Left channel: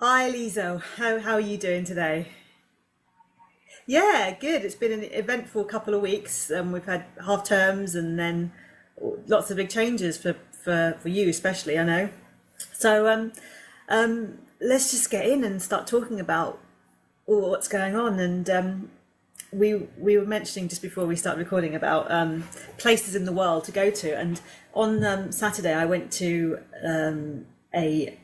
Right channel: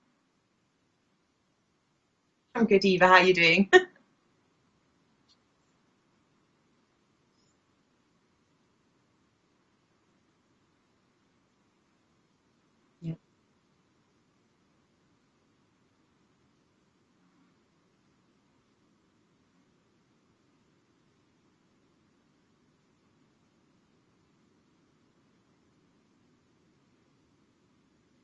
Hi Liza, how are you doing today? I'm good, Eva. How are you doing? Yeah, good. It's been an eventful couple of weeks. We've had half terms and then lots of big changes for you especially, I know. So let's just get in and start talking about all what's going on. And we were mentioning just before we started recording about places in the world to go to. And on Saturday, I went to a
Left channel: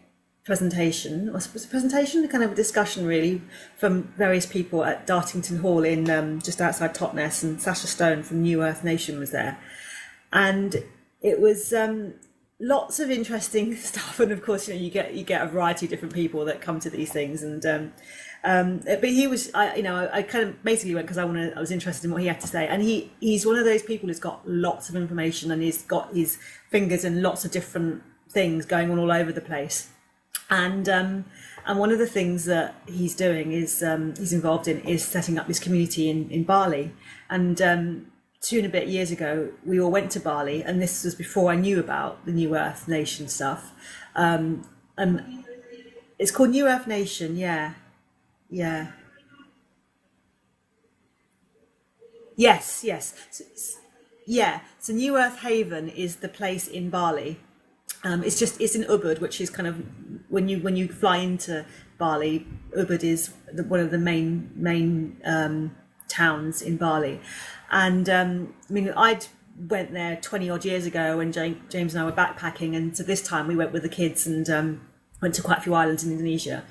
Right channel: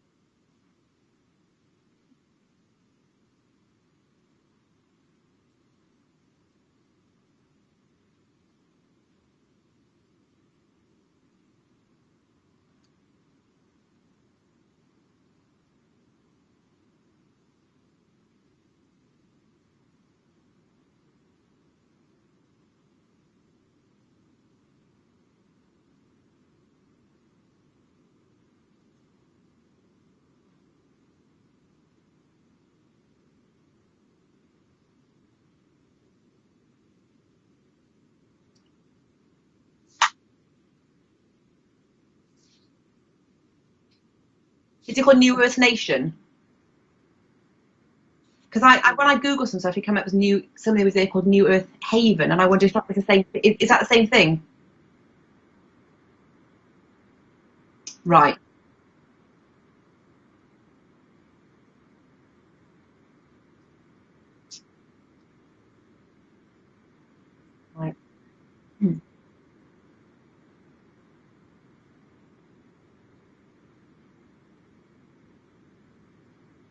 presentation, or was it a presentation, a kind of a discussion really, from various people at Dartington Hall in just outside Totnes, and Sasha Stone from New Earth Nation was there, and it was lots of interesting stuff. And of course, you get a variety of different people that come to these things, and but he was, I kind of basically went because I was interested in what he had to say, and he's one of those people who's got lots of information and he's got his fingers in lots of different things going on all over the place. And one of the things that he's doing is he's involved in is setting up this community in Bali. And 2 and a bit years ago, we all went to Bali, and this was before I knew about the New Earth Nation stuff. Is it called And New Earth Nation? it's called New Earth Nation, yeah, Because yeah, when I Googled some stuff, it came up as new. Something was there called New Earth Haven, and I wonder if yes, that's the yes, same. Is that the same thing? yeah. So New Earth Haven is the place in Bali. Right. It's in Ubud, which is kind of when you fly into Bali. Ubud is one of the main towns in Bali, and I mean I'd went there 20 odd years ago when James and I were backpacking, and so this time we went with the kids and went to quite a few islands in Indonesia.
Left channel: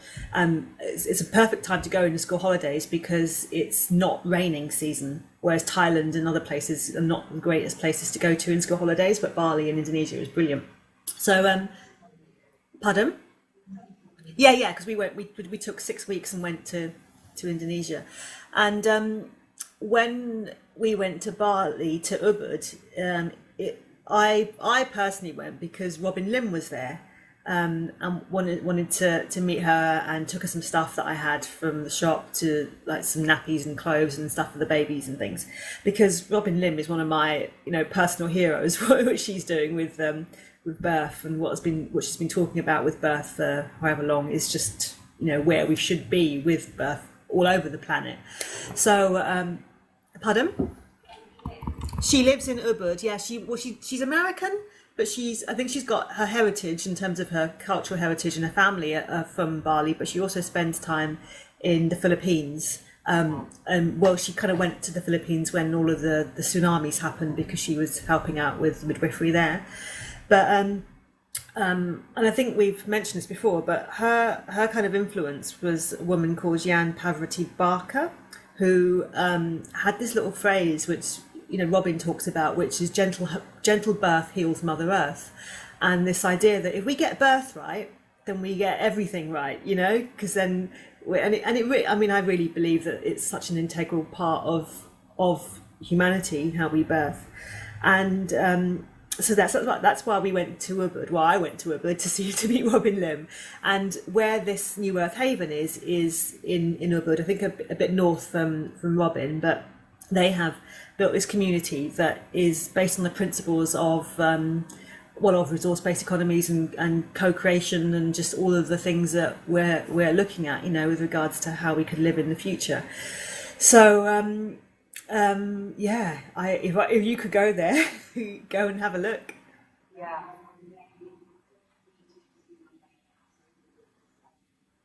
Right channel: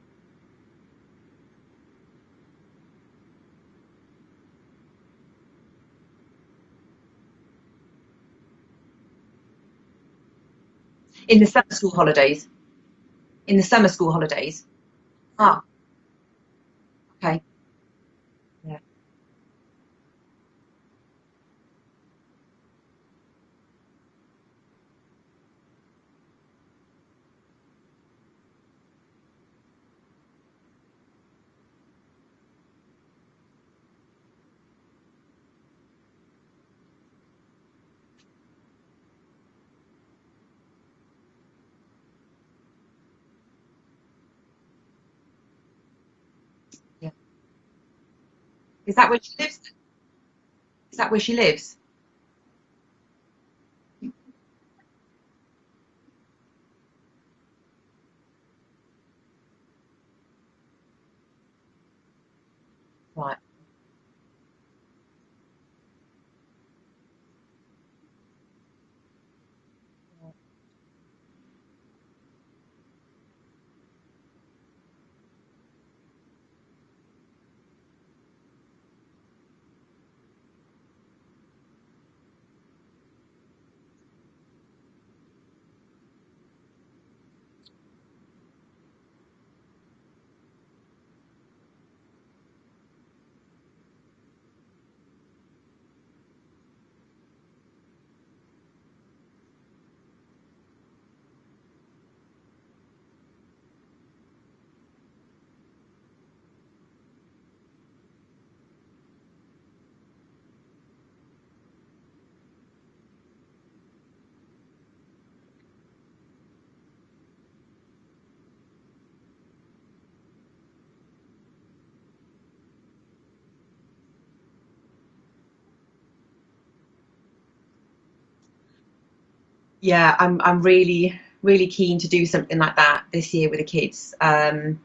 It's a perfect time to go in the school holidays because it's not raining season, whereas Thailand and other places are not the greatest places to go to in school holidays, but Bali and Indonesia is brilliant. In So, the summer school holidays. pardon? In the summer school Yeah, holidays. yeah, because we Ah, took 6 weeks and went okay. to Indonesia, and when we went to Bali to Ubud, I personally went because Robin Lim was there, and wanted to meet her, and took her some stuff that I had from the shop, to like some nappies and clothes and stuff for the babies and things, because Robin Lim is one of my personal heroes. What she's doing with birth, and what she's been talking about with birth for however long, is just where we should be with birth Yeah. all over the planet. Is that So where she lives? pardon? Is that where she lives? She lives in Ubud. Yeah, she's American, but I think she's got her heritage in terms of her cultural heritage, and her family are from Bali, but she also spends time in the Philippines. Right. And well, she kind of went to the Philippines when all of the tsunamis happened, because she was helping out with midwifery there. But and I think we've mentioned this before, but her kind of influence was a woman called Jan Pavarati Barker, who had this little phrase which Robin talks about, which is gentle birth heals Mother Earth, and this idea that if we get birth right, then we get everything right, because then I mean, I really believe that it's such an integral part of humanity, how we birth. And so that's why we went to Ubud. Well, I went to Ubud to meet Robin Lim, and where this New Earth Haven is in Ubud. I think a bit north from Robin, but they have built this community that is based on the principles of of resource-based economies and co-creation, and just all of the things that we're looking at, with regards to how we could live in the future. So yeah, if you could go there, go and have a look. Yeah, I'm really keen to do something like that this year with the kids. And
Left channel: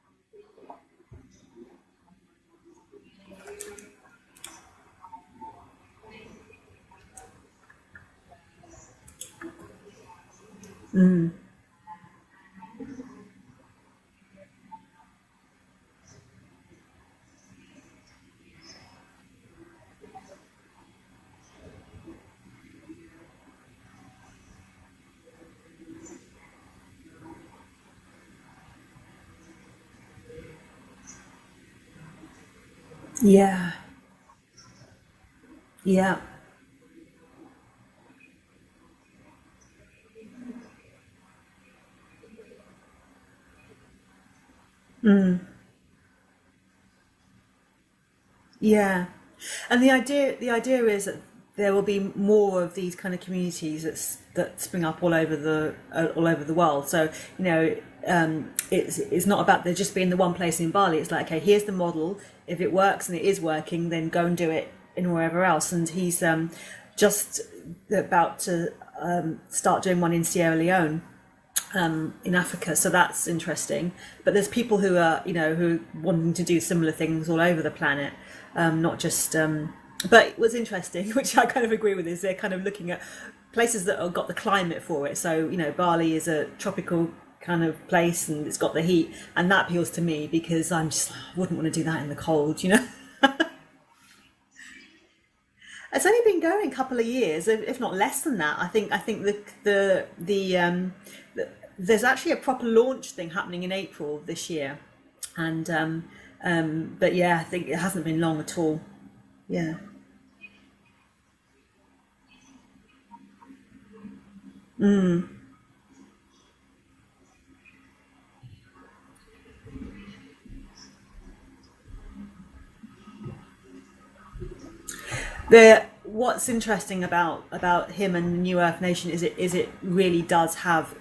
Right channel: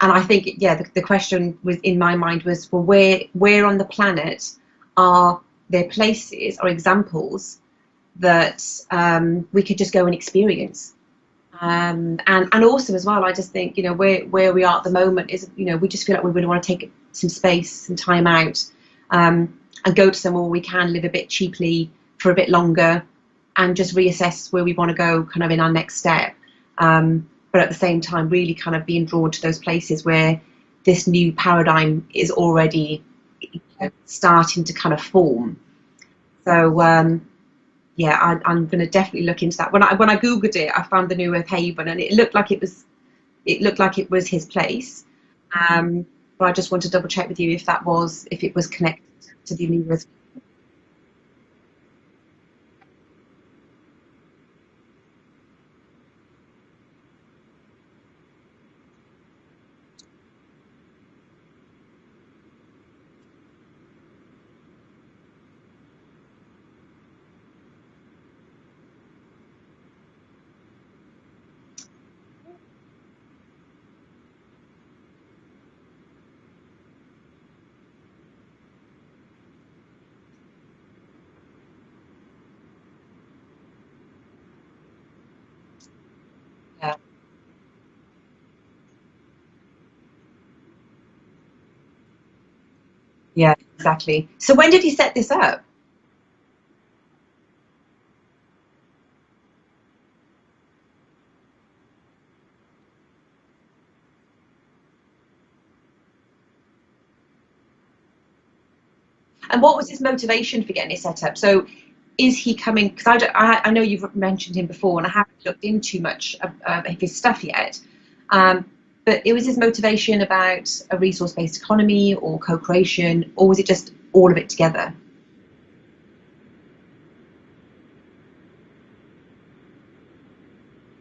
I think, yeah, the question was in my mind was, well, where on the planet are there places or examples that we could just go and experience? And also as well, I just think, where we are at the moment is, we just feel like we really want to take some space, some time out, and go to somewhere where we can live a bit cheaply for a bit longer, and just reassess where we want to go kind of in our next step. But at the same time, really kind of being drawn to those places where this new paradigm is already Yeah, starting to kind of form. yeah, So yeah, I'm going to definitely look into that. When I googled it, I found the New Earth Haven, and it looked like it was his place. But I just want to double check with you if it was connected yeah. to the And New Earth. the idea is that there will be more of these kind of communities that spring up all over the world. So it's not about there just being the one place in Bali. It's like, okay, here's the model. If it works and it is working, then go and do it in wherever else. And he's just about to start doing one in Sierra Leone, in Africa. So that's interesting. But there's people who are, who are wanting to do similar things all over the planet, not just. But what's interesting, which I kind of agree with, is they're kind of looking at places that have got the climate for it. So, Bali is a tropical kind of place and it's got the heat, and that appeals to me because I'm just, I wouldn't want to do that in the cold, Yeah, exactly. So when did you set this up? It's only been going a couple of years, if not less than that. I think there's actually a proper launch thing happening in April this year, and but yeah, I think it hasn't been long at all. And what was his motivation for getting it set up? So is he coming, because I know you've mentioned him before, and I haven't looked into much of his stuff yet, but it was his motivation about a resource-based economy or co-creation, or was it just all of it together? What's interesting about him and the New Earth Nation is it really does have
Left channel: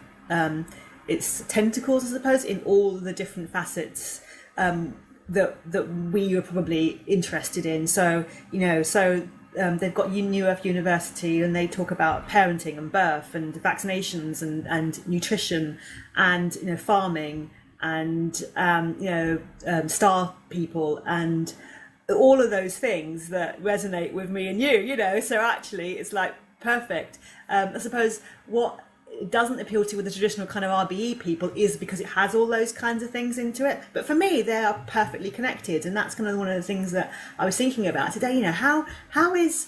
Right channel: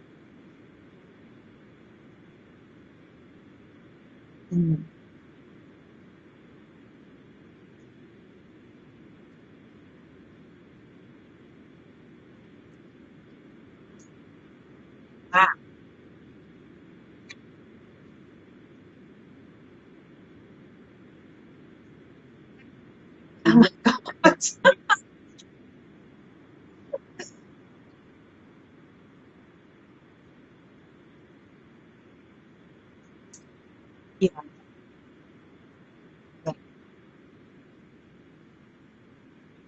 its tentacles, I suppose, in all the different facets that we are probably interested in. So they've got New Earth University, and they talk about parenting and birth and vaccinations and nutrition and farming and star people and all of those things that resonate with me and you. So actually it's like perfect. I suppose what it doesn't appeal to with the traditional kind of RBE people is because it has all those kinds of things into it. But for me, they are perfectly connected, and that's kind of one of the things that I was thinking about today. How is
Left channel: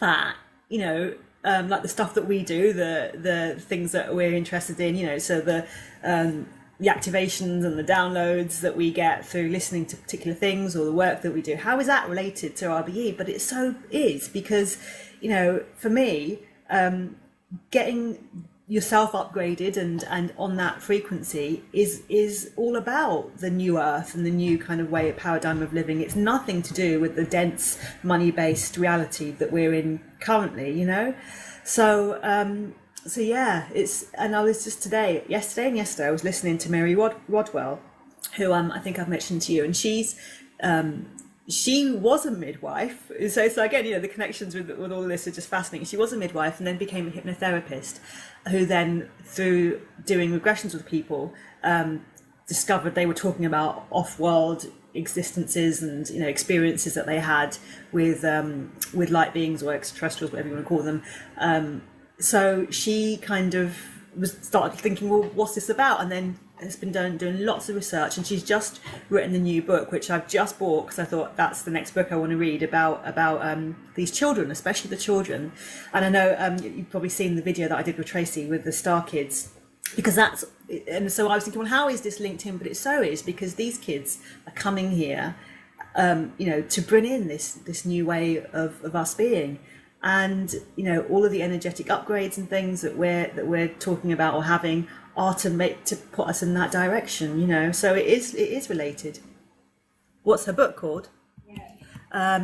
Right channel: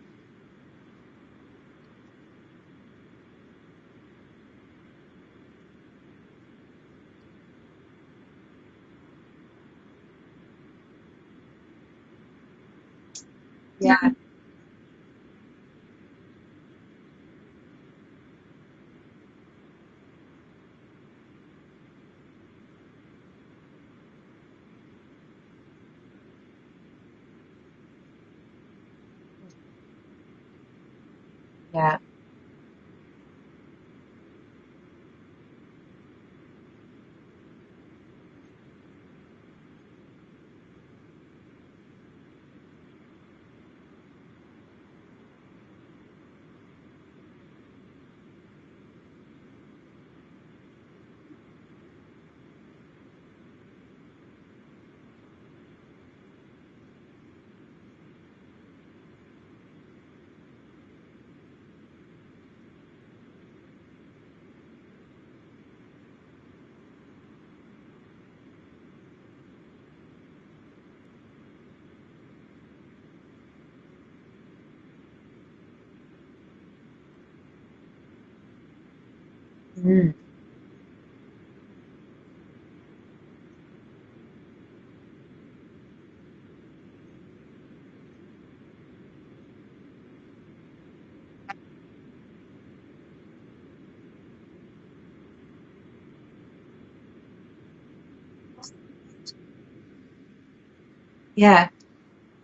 that? Like the stuff that we do, the things that we're interested in. So the activations and the downloads that we get through listening to particular things, or the work that we do. How is that related to RBE? But it so is, because for me, getting yourself upgraded and on that frequency is all about the new earth and the new kind of paradigm of living. It's nothing to do with the dense money-based reality that we're in currently, so and I was just yesterday I was listening to Mary Rodwell, who I think I've mentioned to you, and she was a midwife. So again, the connections with all this are just fascinating. She was a midwife and then became a hypnotherapist, who then, through doing regressions with people, discovered they were talking about off-world existences and experiences that they had with light beings or extraterrestrials, whatever you want to call them. So she kind of started thinking, well, what's this about? And then has been doing lots of research, and she's just written a new book, which I've just bought because I thought that's the next book I want to read about these children, especially the children. And I know you've probably seen the video that I did with Tracy with the Star Kids, because and so I was thinking, well, how is this linked in? But it so is, because these kids are coming here, to bring in this new way of us being. And all of the energetic upgrades and things that we're talking about or having are to put us in that direction, so it is related. What's her book called? Yeah, I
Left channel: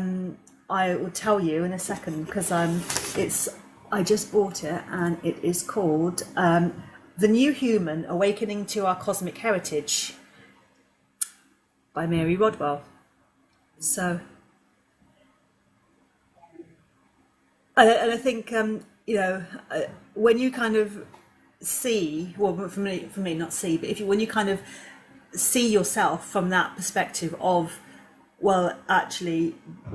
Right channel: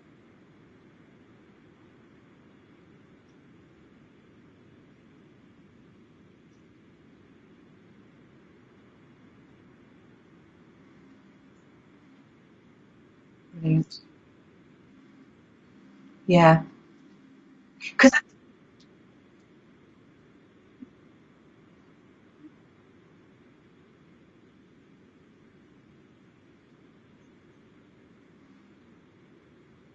will tell you in a second, because I just bought it, and it is called The New Human: Awakening to Our Cosmic Heritage by Mary Rodwell. So yeah, I think when you kind of see, well, for me not see, but when you kind of see yourself from that perspective of, well, actually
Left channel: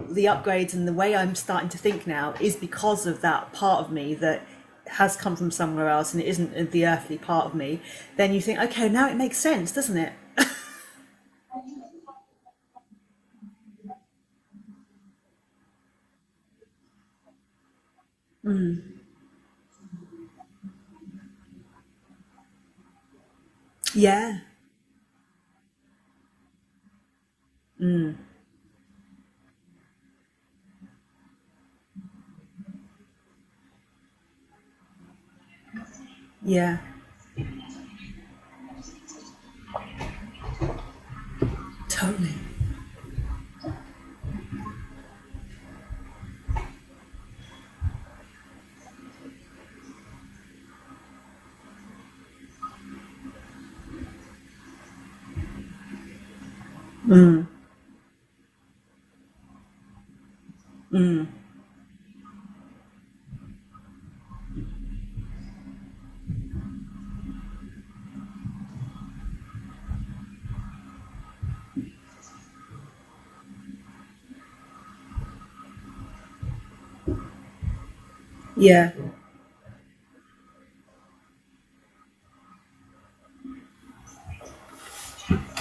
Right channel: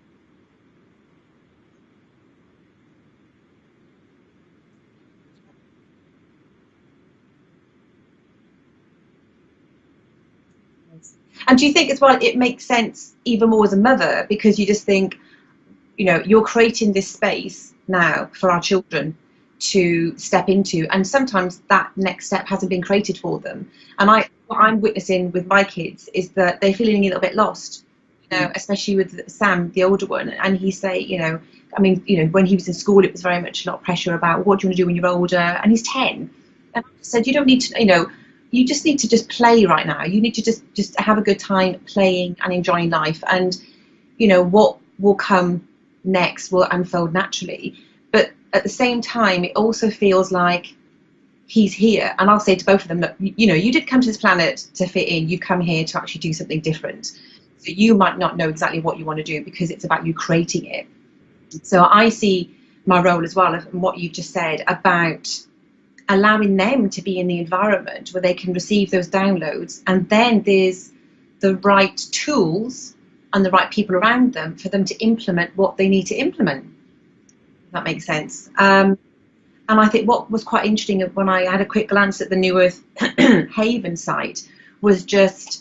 the upgrades and the way I'm starting to think now is because of that part of me that has come from somewhere else and it isn't the earthly part of me, then you think, okay, now it makes sense, doesn't it? And do you think as well it makes sense even more as a mother, because you just think, you're creating this space now for our children to step into, and sometimes that next step hasn't been created for them. And what I'm witnessing with my kids is that they're feeling a little bit lost, especially with Sam, the older one. And he say, when he was in school, it was very much a lot of pressure about what do you want to do when you're older, and he's 10. And I said, you don't need to, you just need to just play right now. You need to just have a good time playing and enjoying life, and what will come next will unfold naturally. But at the same time, it also feels like he's here. And I'll say to both of them, look, you know, you did come to this planet to fit in. You come here to actually do something different. So you might not know exactly what you want to do, because it's about you creating it. So I see my role as well, and what you've just said about allowing them to be in the environment where they can receive those downloads, and then there's the right tools and the right people around them for them to implement what they need to implement. That makes sense. Yeah. And I think what was quite interesting when I had a quick glance at the New Earth Haven site was just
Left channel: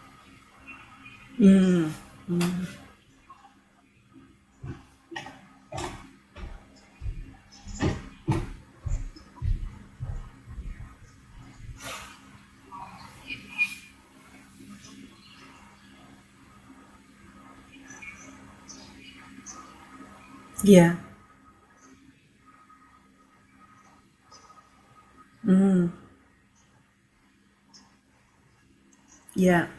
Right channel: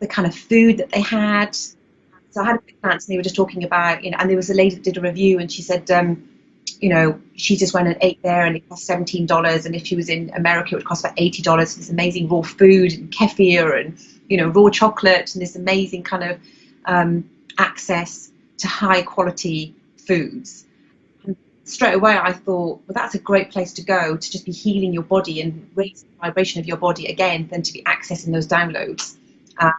the kind of food that they had. So I had a glance, and they were just talking about, you know, and there was a lady that did a review, and she said, you know, she just went and ate there, and it cost $17, and if she was in America it would cost about $80. This amazing raw food and kefir and, you know, raw chocolate, and this amazing kind of access to high quality foods. Yeah. And straight away I thought, well, that's a great place to go to just be healing your body and raising the vibration of your body again, than to be accessing those downloads. Yeah.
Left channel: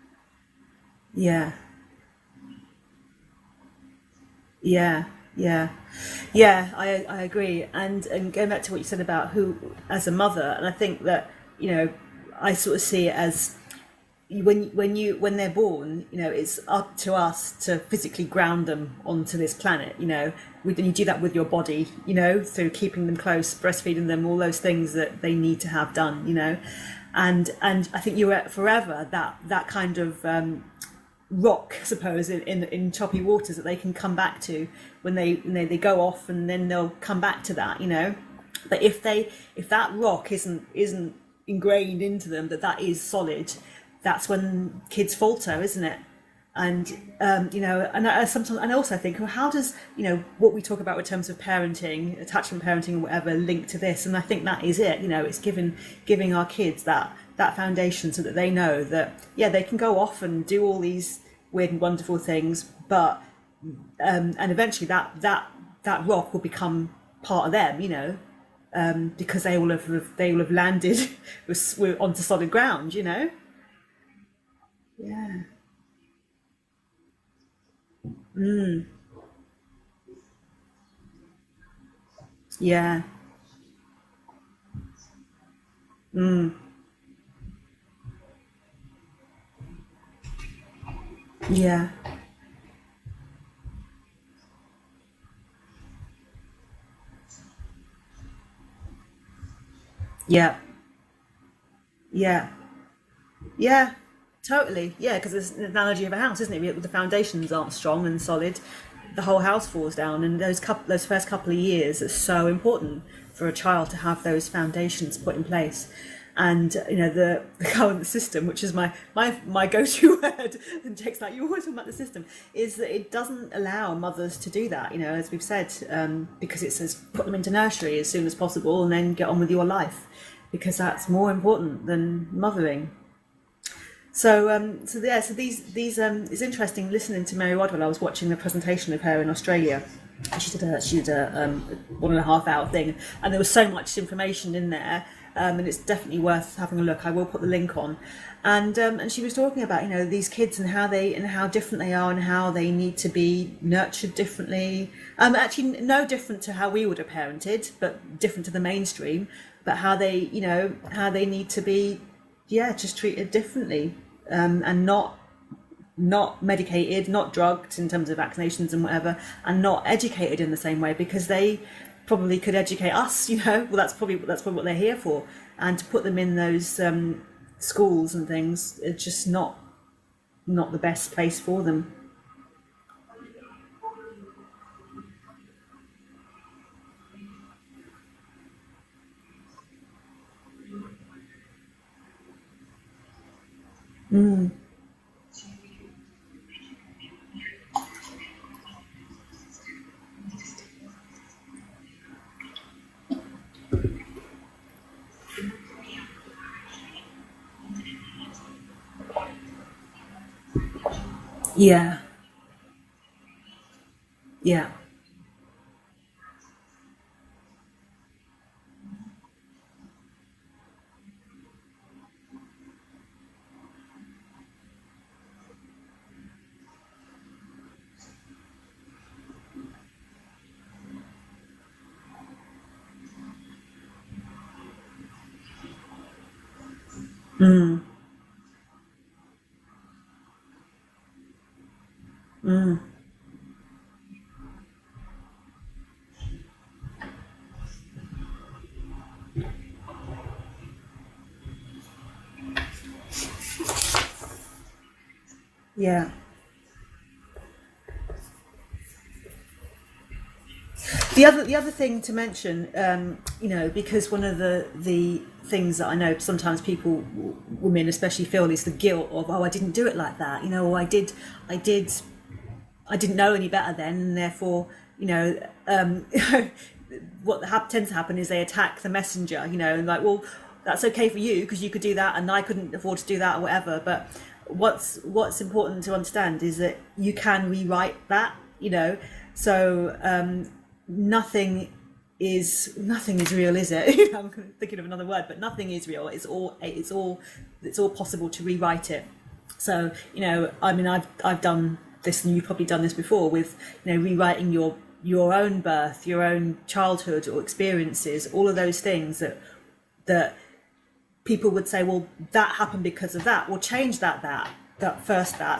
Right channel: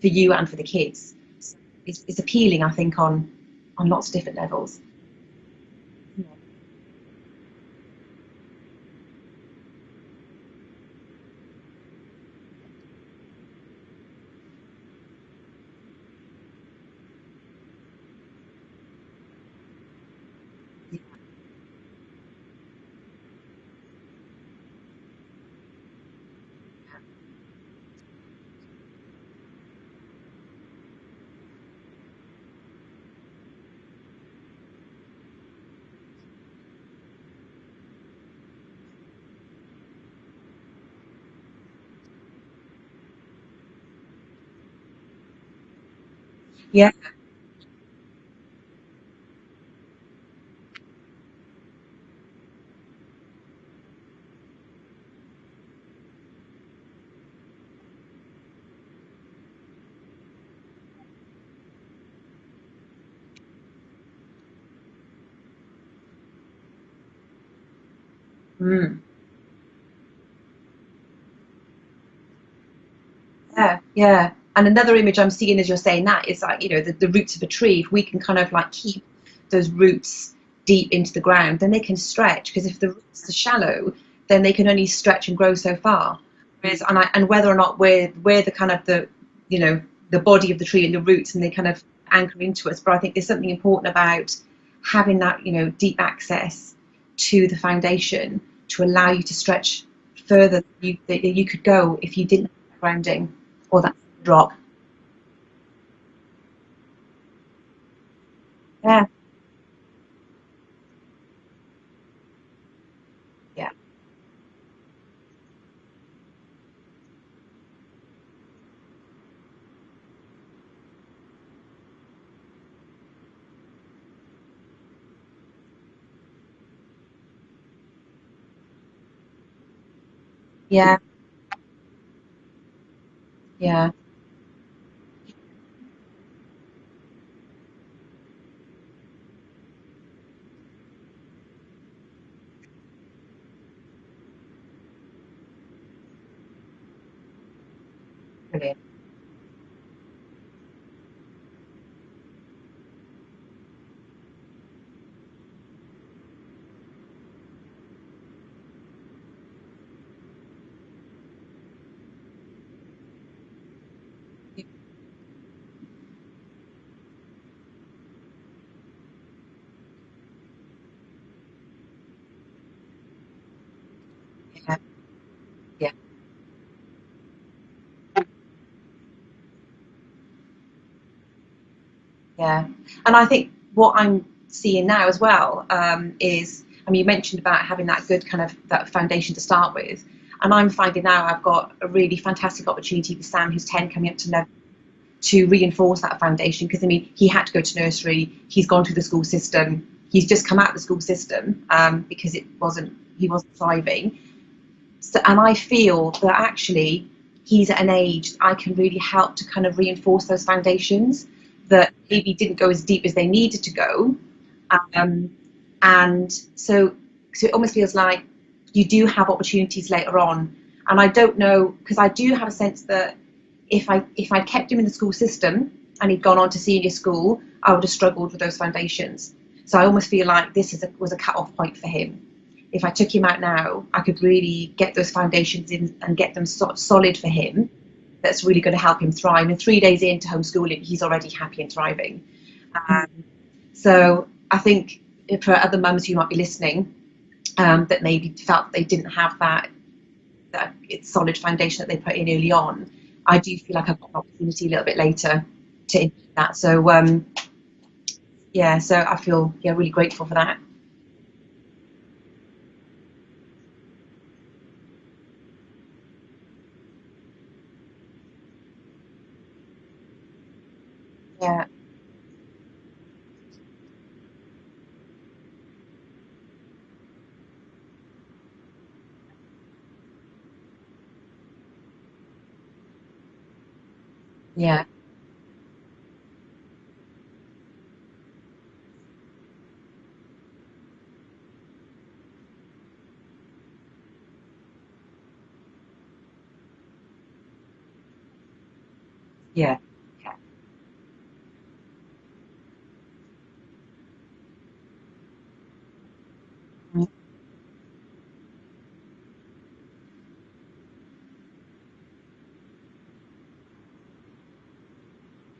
For you and for the kids. Yeah. It's appealing, I think, on lots of different levels. Yeah. I agree. And going back to what you said about who, as a mother, and I think that, you know, I sort of see it as when they're born, you know, it's up to us to physically ground them onto this planet, you know. And you do that with your body, you know, through keeping them close, breastfeeding them, all those things that they need to have done, you know. And I think you're forever that kind of rock, I suppose, in choppy waters that they can come back to when they go off, and then they'll come back to that, you know. But if that rock isn't ingrained into them, that is solid, that's when kids falter, isn't it? And you know, and I sometimes, and I also think, well, how does, you know, what we talk about in terms of parenting, attachment parenting, or whatever, link to this? And I think that is it. You know, it's giving our kids that foundation, so that they know that, yeah, they can go off and do all these weird and wonderful things, but and eventually that rock will become part of them, you know, because they will have landed onto solid ground, you know. Yeah. And another image I'm seeing as you're saying that is like, you know, the roots of a tree. If we can kind of like keep those roots deep into the ground, then they can stretch, because if the roots are shallow, then they can only stretch and grow so far. And whether or not we're the kind of the, you know, the body of the tree and the roots, and they kind of anchor into us. But I think there's something important about having that, you know, deep access to the foundation to allow you to stretch further than you could go if you didn't have grounding. Or that drop. Totally. Yeah, because it's an analogy of a house, isn't it? The foundations aren't strong and solid, the whole house falls down. And those first couple of years are so important for a child to have those foundations put in place. And, you know, the current system, which is my go-to word, and Jake's like, you always talk about the system, is that it doesn't allow mothers to do that, you know, as we've said, because it says put them into nursery as soon as possible and then get on with your life, because that's more important than mothering. So these it's interesting listening to Mary Rodwell. I was watching the presentation of her in Australia. She did a 1.5 hour thing, and there was so much information in there, and it's definitely worth having a look. I will put the link on. And she was talking about, you know, these kids and how different they are, and how they need to be nurtured differently. Actually, no different to how we would have parented, but different to the mainstream. But how they need to be, just treated differently, and not medicated, not drugged in terms of vaccinations and whatever, and not educated in the same way, because they probably could educate us, you know. Well, that's probably what they're here for. And to put them in those schools and things, it's just not the best place for them. And I think what I'm seeing now as well is, I mean, you mentioned about having that good kind of that foundation to start with, and I'm finding now I've got a really fantastic opportunity with Sam, who's 10, coming up to know, to reinforce that foundation, because I mean, he had to go to nursery, he's gone through the school system, he's just come out of the school system because he wasn't thriving. So, and I feel that actually he's at an age I can really help to kind of reinforce those foundations that maybe didn't go as deep as they needed to go. And so it almost feels like you do have opportunities later on. And I don't know, because I do have a sense that if I'd kept him in the school system and he'd gone on to senior school, I would have struggled with those foundations. So I almost feel like this was a cut-off point for him. if I took him out now, I could really get those foundations in and get them solid for him. That's really going to help him thrive. And 3 days into homeschooling, he's already happy and thriving. So I think for other mums who might be listening, that maybe felt they didn't have that solid foundation that they put in early on, I do feel like I've got an opportunity a little bit later to implement that. So so I feel really grateful for that. The other thing to mention, because one of the things that I know sometimes people, women especially, feel is the guilt of, I didn't do it like that, or I didn't know any better then, and therefore, what tends to happen is they attack the messenger, and like, well, that's okay for you because you could do that and I couldn't afford to do that or whatever. But what's important to understand is that you can rewrite that, so nothing is real, is it? I'm thinking of another word, but nothing is real. It's all possible to rewrite it. So I've done this, and you've probably done this before with rewriting your own birth, your own childhood or experiences, all of those things that people would say, well, that happened because of that. Well, change that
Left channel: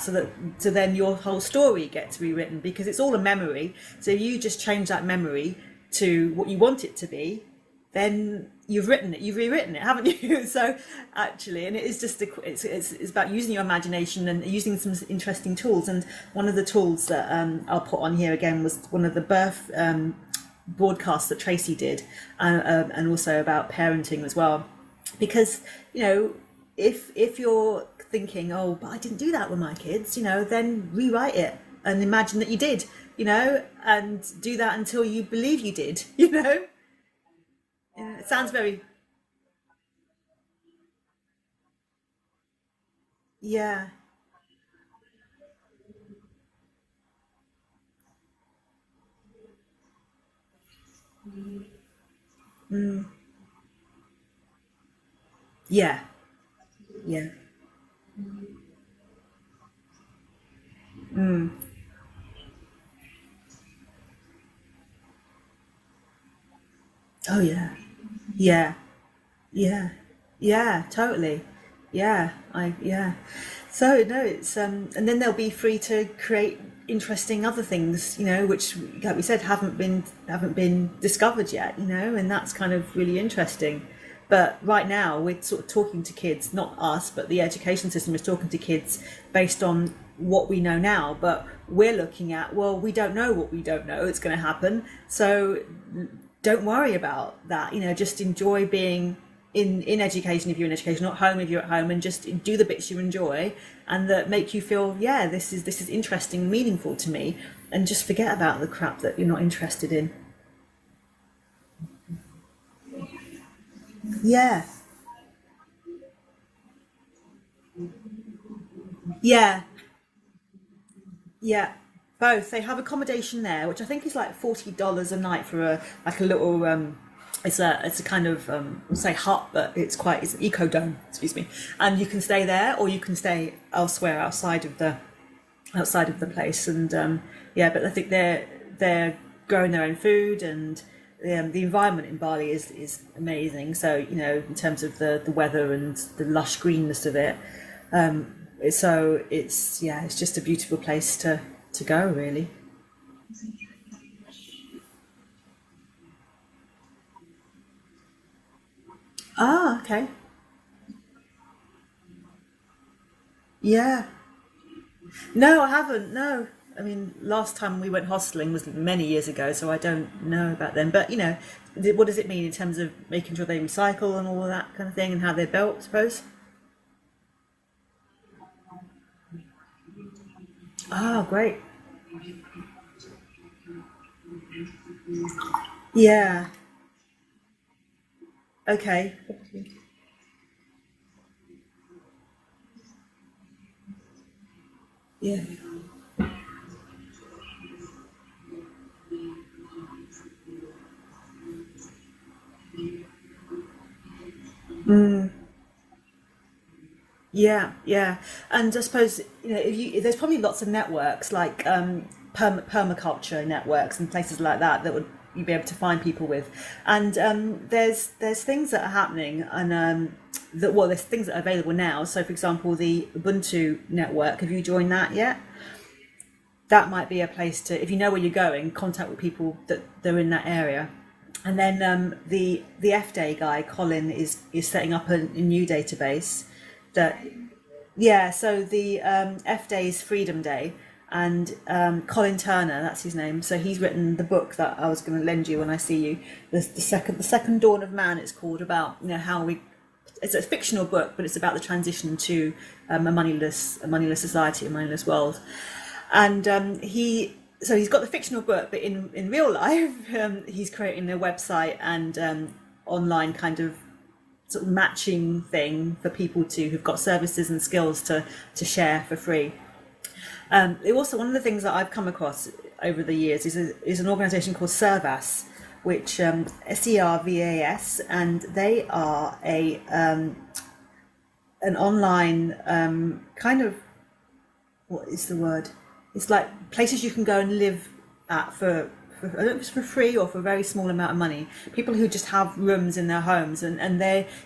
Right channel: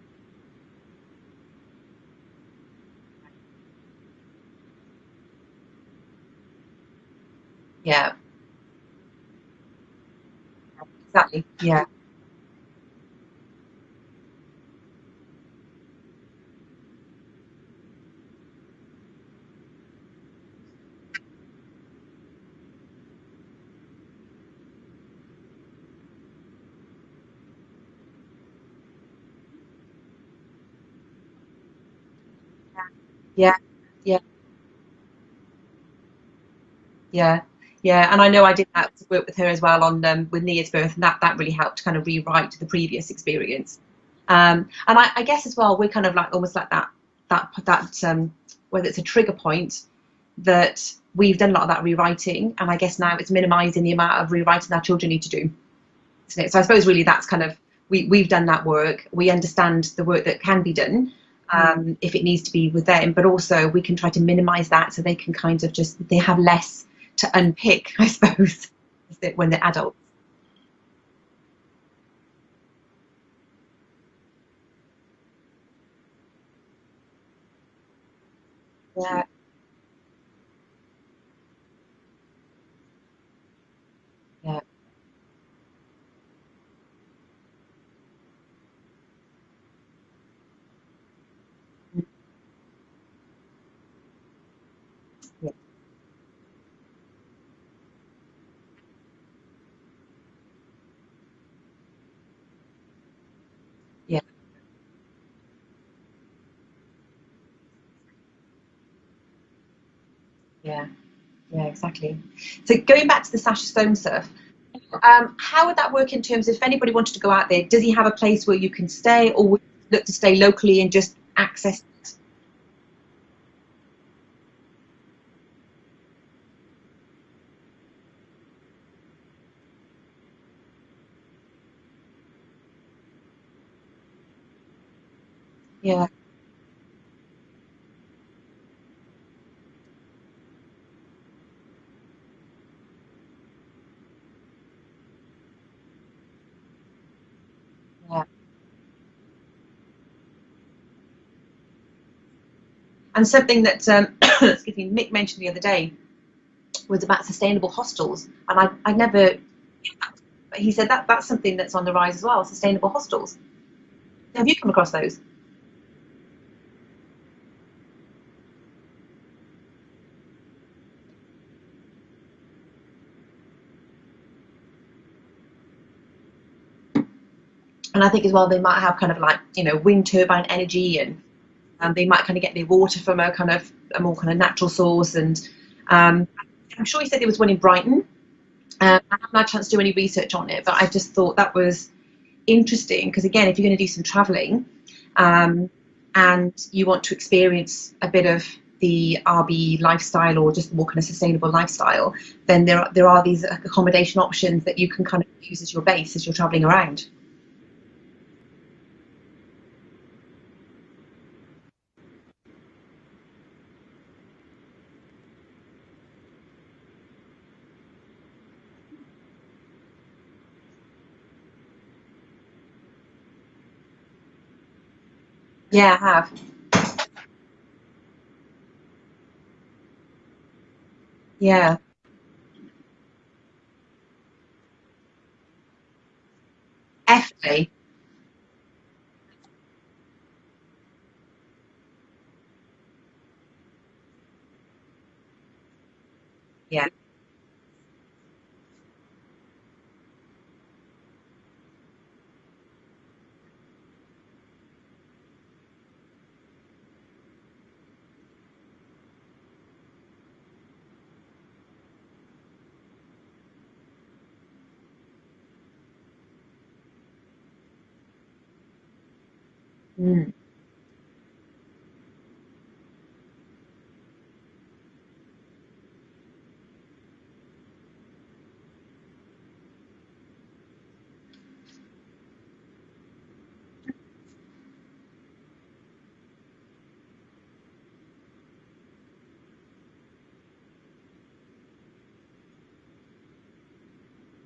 so then your whole story gets rewritten, because it's all a memory. So you just change that memory to what you want it to be, and you've rewritten it, haven't you? So actually, it's just it's about using your imagination and using some interesting tools. And one of the tools that I'll put on here again was one of the birth broadcasts that Tracy did, and also about parenting as well, because if you're thinking, oh, but I didn't do that with my kids, then rewrite it and imagine that you did, and do that until you believe you did, and I know I did have to work with her as well on with Nia's birth, and that really helped kind of rewrite the previous experience. And I guess as well, we're kind of like almost like that whether it's a trigger point, that we've done a lot of that rewriting, and I guess now it's minimizing the amount of rewriting our children need to do. So I suppose really that's kind of, we've done that work. We understand the work that can be done, if it needs to be with them, but also we can try to minimize that so they can kind of they have less to unpick, I suppose, when they're adults. Totally. So no, it's and then they'll be free to create interesting other things, which, like we said, haven't been discovered yet, and that's kind of really interesting. But right now we're sort of talking to kids, not us, but the education system is talking to kids based on what we know now. But we're looking at, well, we don't know what we don't know. It's going to happen. So don't worry about that. Just enjoy being in education if you're in education, not home if you're at home, and just do the bits you enjoy and that make you feel, this is interesting and meaningful to me, and just forget about the crap that you're not interested in. Yeah, exactly. So going back to the Sasha Stone stuff, how would that work in terms of if anybody wanted to go out there? Does he have a place where you can stay, or look to stay locally and just access? Both. They have accommodation there, which I think is like $40 a night for a little. It's a kind of we'll say hut, but it's an eco-dome. Excuse me. And you can stay there, or you can stay elsewhere outside of the place. And but I think they're growing their own food, and the environment in Bali is amazing. So in terms of the weather and the lush greenness of it, so it's just a beautiful place to go, really. And something that excuse me, Mick mentioned the other day was about sustainable hostels, and I never. Okay. But he said that's something that's on the rise as well. Sustainable hostels. Yeah. Have you come across those? No, I haven't. No. I mean, last time we went hosteling was many years ago, so I don't know about them. But what does it mean in terms of making sure they recycle and all of that kind of thing, and how they're built, I suppose? And I think as well they might have kind of like wind turbine energy. And, great. And they might kind of get their water from a more kind of natural source. And I'm sure he said there was one in Brighton. Okay. I haven't had a chance to do any research on it, but I just thought that was interesting, because again, if you're going to do some travelling, and you want to experience a bit of the RB lifestyle, or just more kind of sustainable lifestyle, then there are these accommodation options that you can kind of use as your base as you're travelling around. Yeah, and I suppose there's probably lots of networks like permaculture networks and places like that would you'd be able to find people with. And there's things that are happening, and there's things that are available now. So, for example, the Ubuntu network. Have you joined that yet? Yeah, I have. That might be a place to, if you know where you're going, contact with people that they're in that area. Yeah. And then the F-Day guy, Colin, is setting up a new database. F-Day? Yeah, so the F-Day is Freedom Day, and Colin Turner, that's his name. So he's written the book that I was going to lend you when I see you. The second Dawn of Man, it's called, about how we. It's a fictional book, but it's about the transition to a moneyless society, a moneyless world. And he's got the fictional book, but in real life, he's creating a website and online kind of sort of matching thing for people who've got services and skills to share for free. Also, one of the things that I've come across over the years is an organisation called Servas, which SERVAS, and they are an online kind of, what is the word? It's like places you can go and live at for I don't know if it's for free or for a very small amount of money. People who just have rooms in their homes, and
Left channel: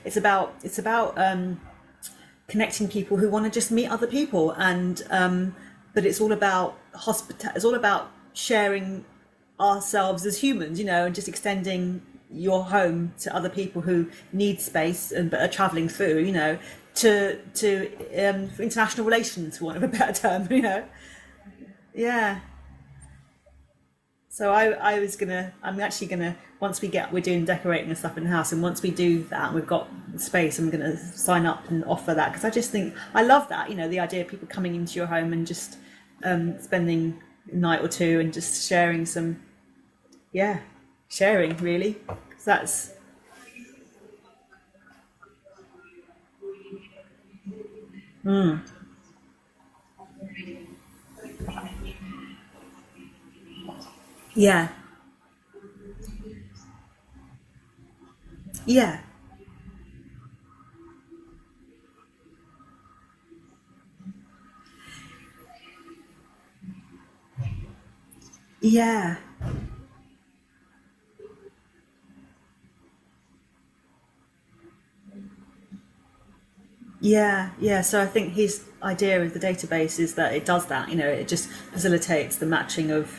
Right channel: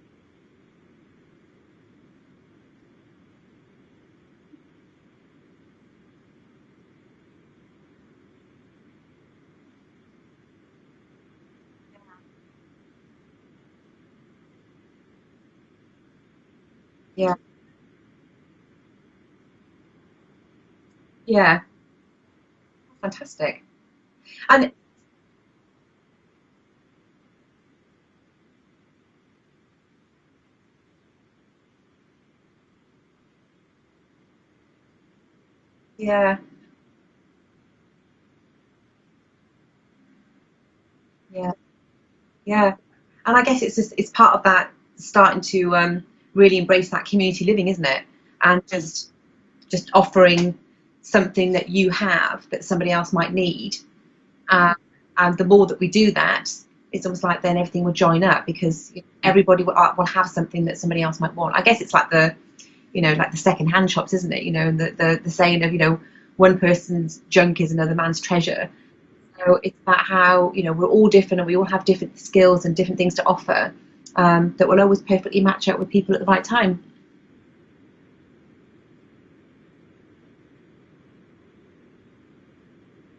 it's about connecting people who want to just meet other people, and but it's all about it's all about sharing ourselves as humans, and just extending your home to other people who need space and but are travelling through, to for international relations, for want of a better term, Yeah. Fantastic. So I'm actually gonna, once we're doing decorating and stuff in the house, and once we do that and we've got space, I'm gonna sign up and offer that, because I just think I love that, the idea of people coming into your home and just spending a night or two and just sharing really. So and I guess it's part of that, starting to really embrace that community living, isn't it? And just offering something that you have that somebody else might need. And the more that we do that, it's almost like then everything will join up, because everybody will have something that somebody else might want. I guess it's like the second-hand shops, isn't it? And the saying of, one person's junk is another man's treasure. Yeah. So it's about how, we're all different and we all have different skills and different things to offer, that will always perfectly match up with people at the right time. Yeah. So I think his idea of the database is that it does that. It just facilitates the matching of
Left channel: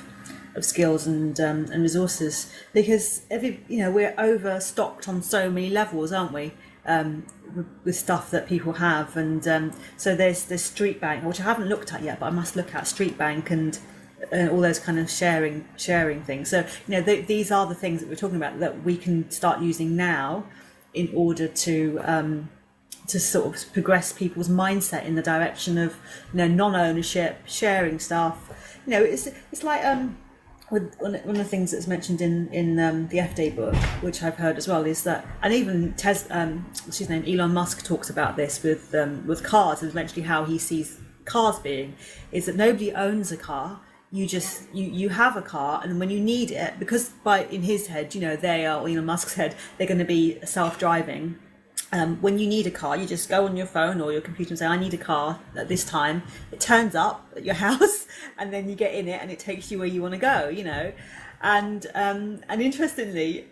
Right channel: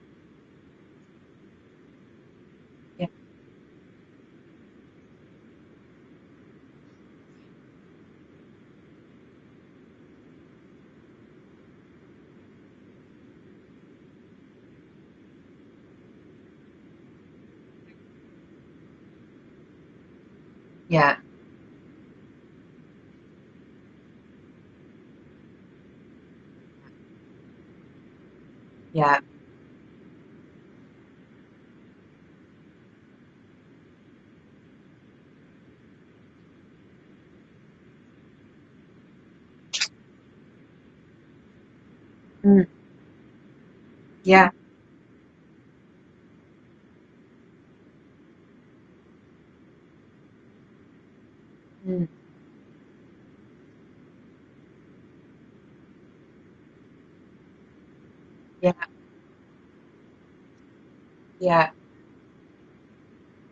skills and resources, because we're overstocked on so many levels, aren't we? With stuff that people have, and so there's Street Bank, which I haven't looked at yet, but I must look at Street Bank and all those kind of sharing things. So these are the things that we're talking about that we can start using now in order to sort of progress people's mindset in the direction of non-ownership, sharing stuff. It's like with one of the things that's mentioned in the F-Day book, which I've heard as well, is that, and even what's his name, Elon Musk talks about this with cars, and eventually how he sees cars being, is that nobody owns a car. You have a car, and when you need it, because in his head, they are, Elon Musk's head, they're going to be self-driving. When you need a car, you just go on your phone or your computer and say, I need a car at this time. It turns up at your house, and then you get in it and it takes you where you want to go, And interestingly,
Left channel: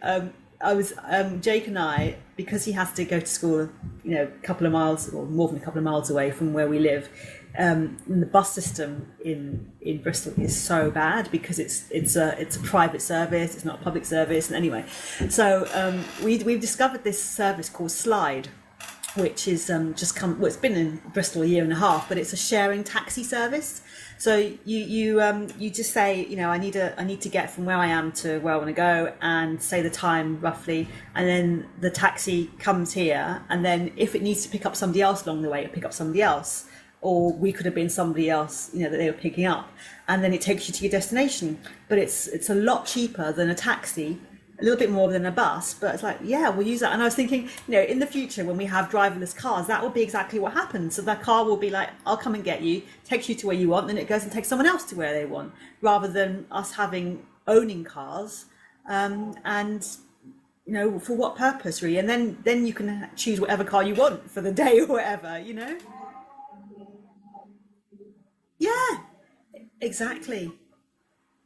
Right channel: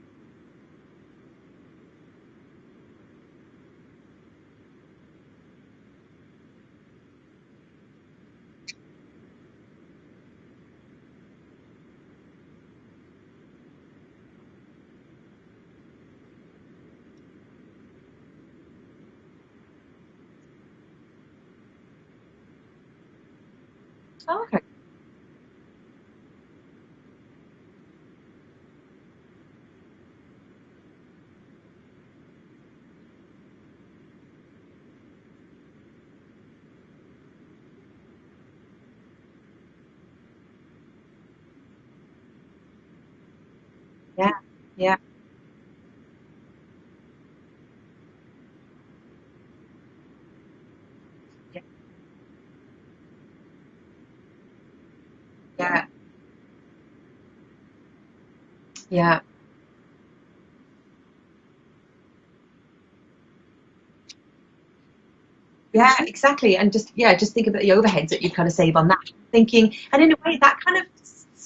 I was Jake and I, because he has to go to school, a couple of miles or more than a couple of miles away from where we live. The bus system in Bristol is so bad, because it's a private service, it's not a public service. And anyway, so we've discovered this service called Slide, which is it's been in Bristol a year and a half, but it's a sharing taxi service. So you just say, I need to get from where I am to where I want to go, and say the time roughly, and then the taxi comes here, and then if it needs to pick up somebody else along the way, it'll pick up somebody else. Or we could have been somebody else, that they were picking up, and then it takes you to your destination. But it's a lot cheaper than a taxi, a little bit more than a bus. But it's like, we'll use that. And I was thinking, in the future when we have driverless cars, that will be exactly what happens. So that car will be like, I'll come and get you, takes you to where you want, then it goes and takes someone else to where they want, rather than us owning cars. And for what purpose, really? And then you can choose whatever car you want for the day or whatever, Yeah, exactly. And just think about the overheads that you kind of save on that. Thinking, exactly. And in a way that kind of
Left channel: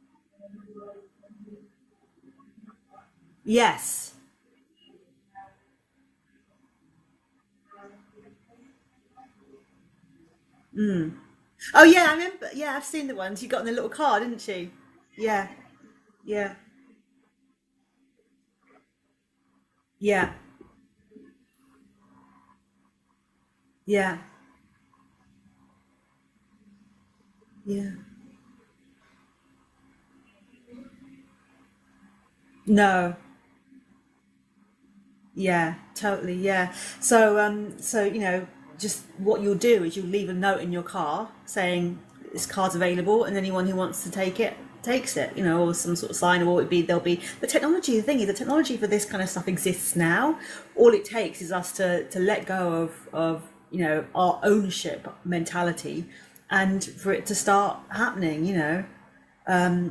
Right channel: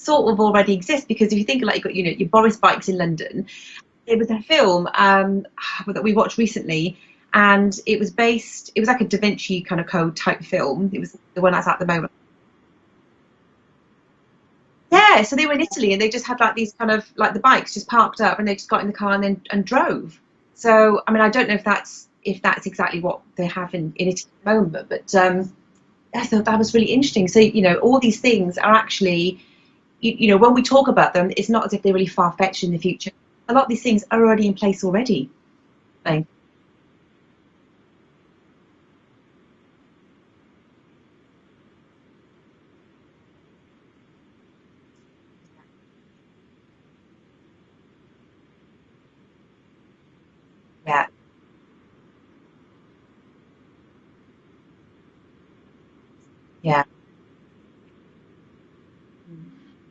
sort of already exist, because if you think like, you've got, you know, your Boris bikes in London. Yes. It was a film that we watched recently, and it was like a Da Vinci kind of Code type film. It was the one that's at Oh the yeah, moment. I remember. Yeah, I've seen the ones you got in the little car, didn't she? Yeah, so Yeah. they were in Italy, and they just had Yeah. like these kind of like the bikes just parked up, and they just got in the car and drove. Yeah. So I mean, I don't know if that's exactly what they have in Italy at the moment, but I thought that was really interesting. So, you know, all these things are actually, you know, when we talk about them, it's not as if they're really far-fetched in the future. A lot of these things are already in place already. Yeah, totally. Yeah. So, so you know, just what you'll do is you'll leave a note in your car saying this car's available, and anyone who wants to take it takes it. You know, or some sort of sign, or there'll be the technology. The thing is, the technology for this kind of stuff exists now. All it takes is us to let go of you know, our ownership mentality, and for it to start happening. You know,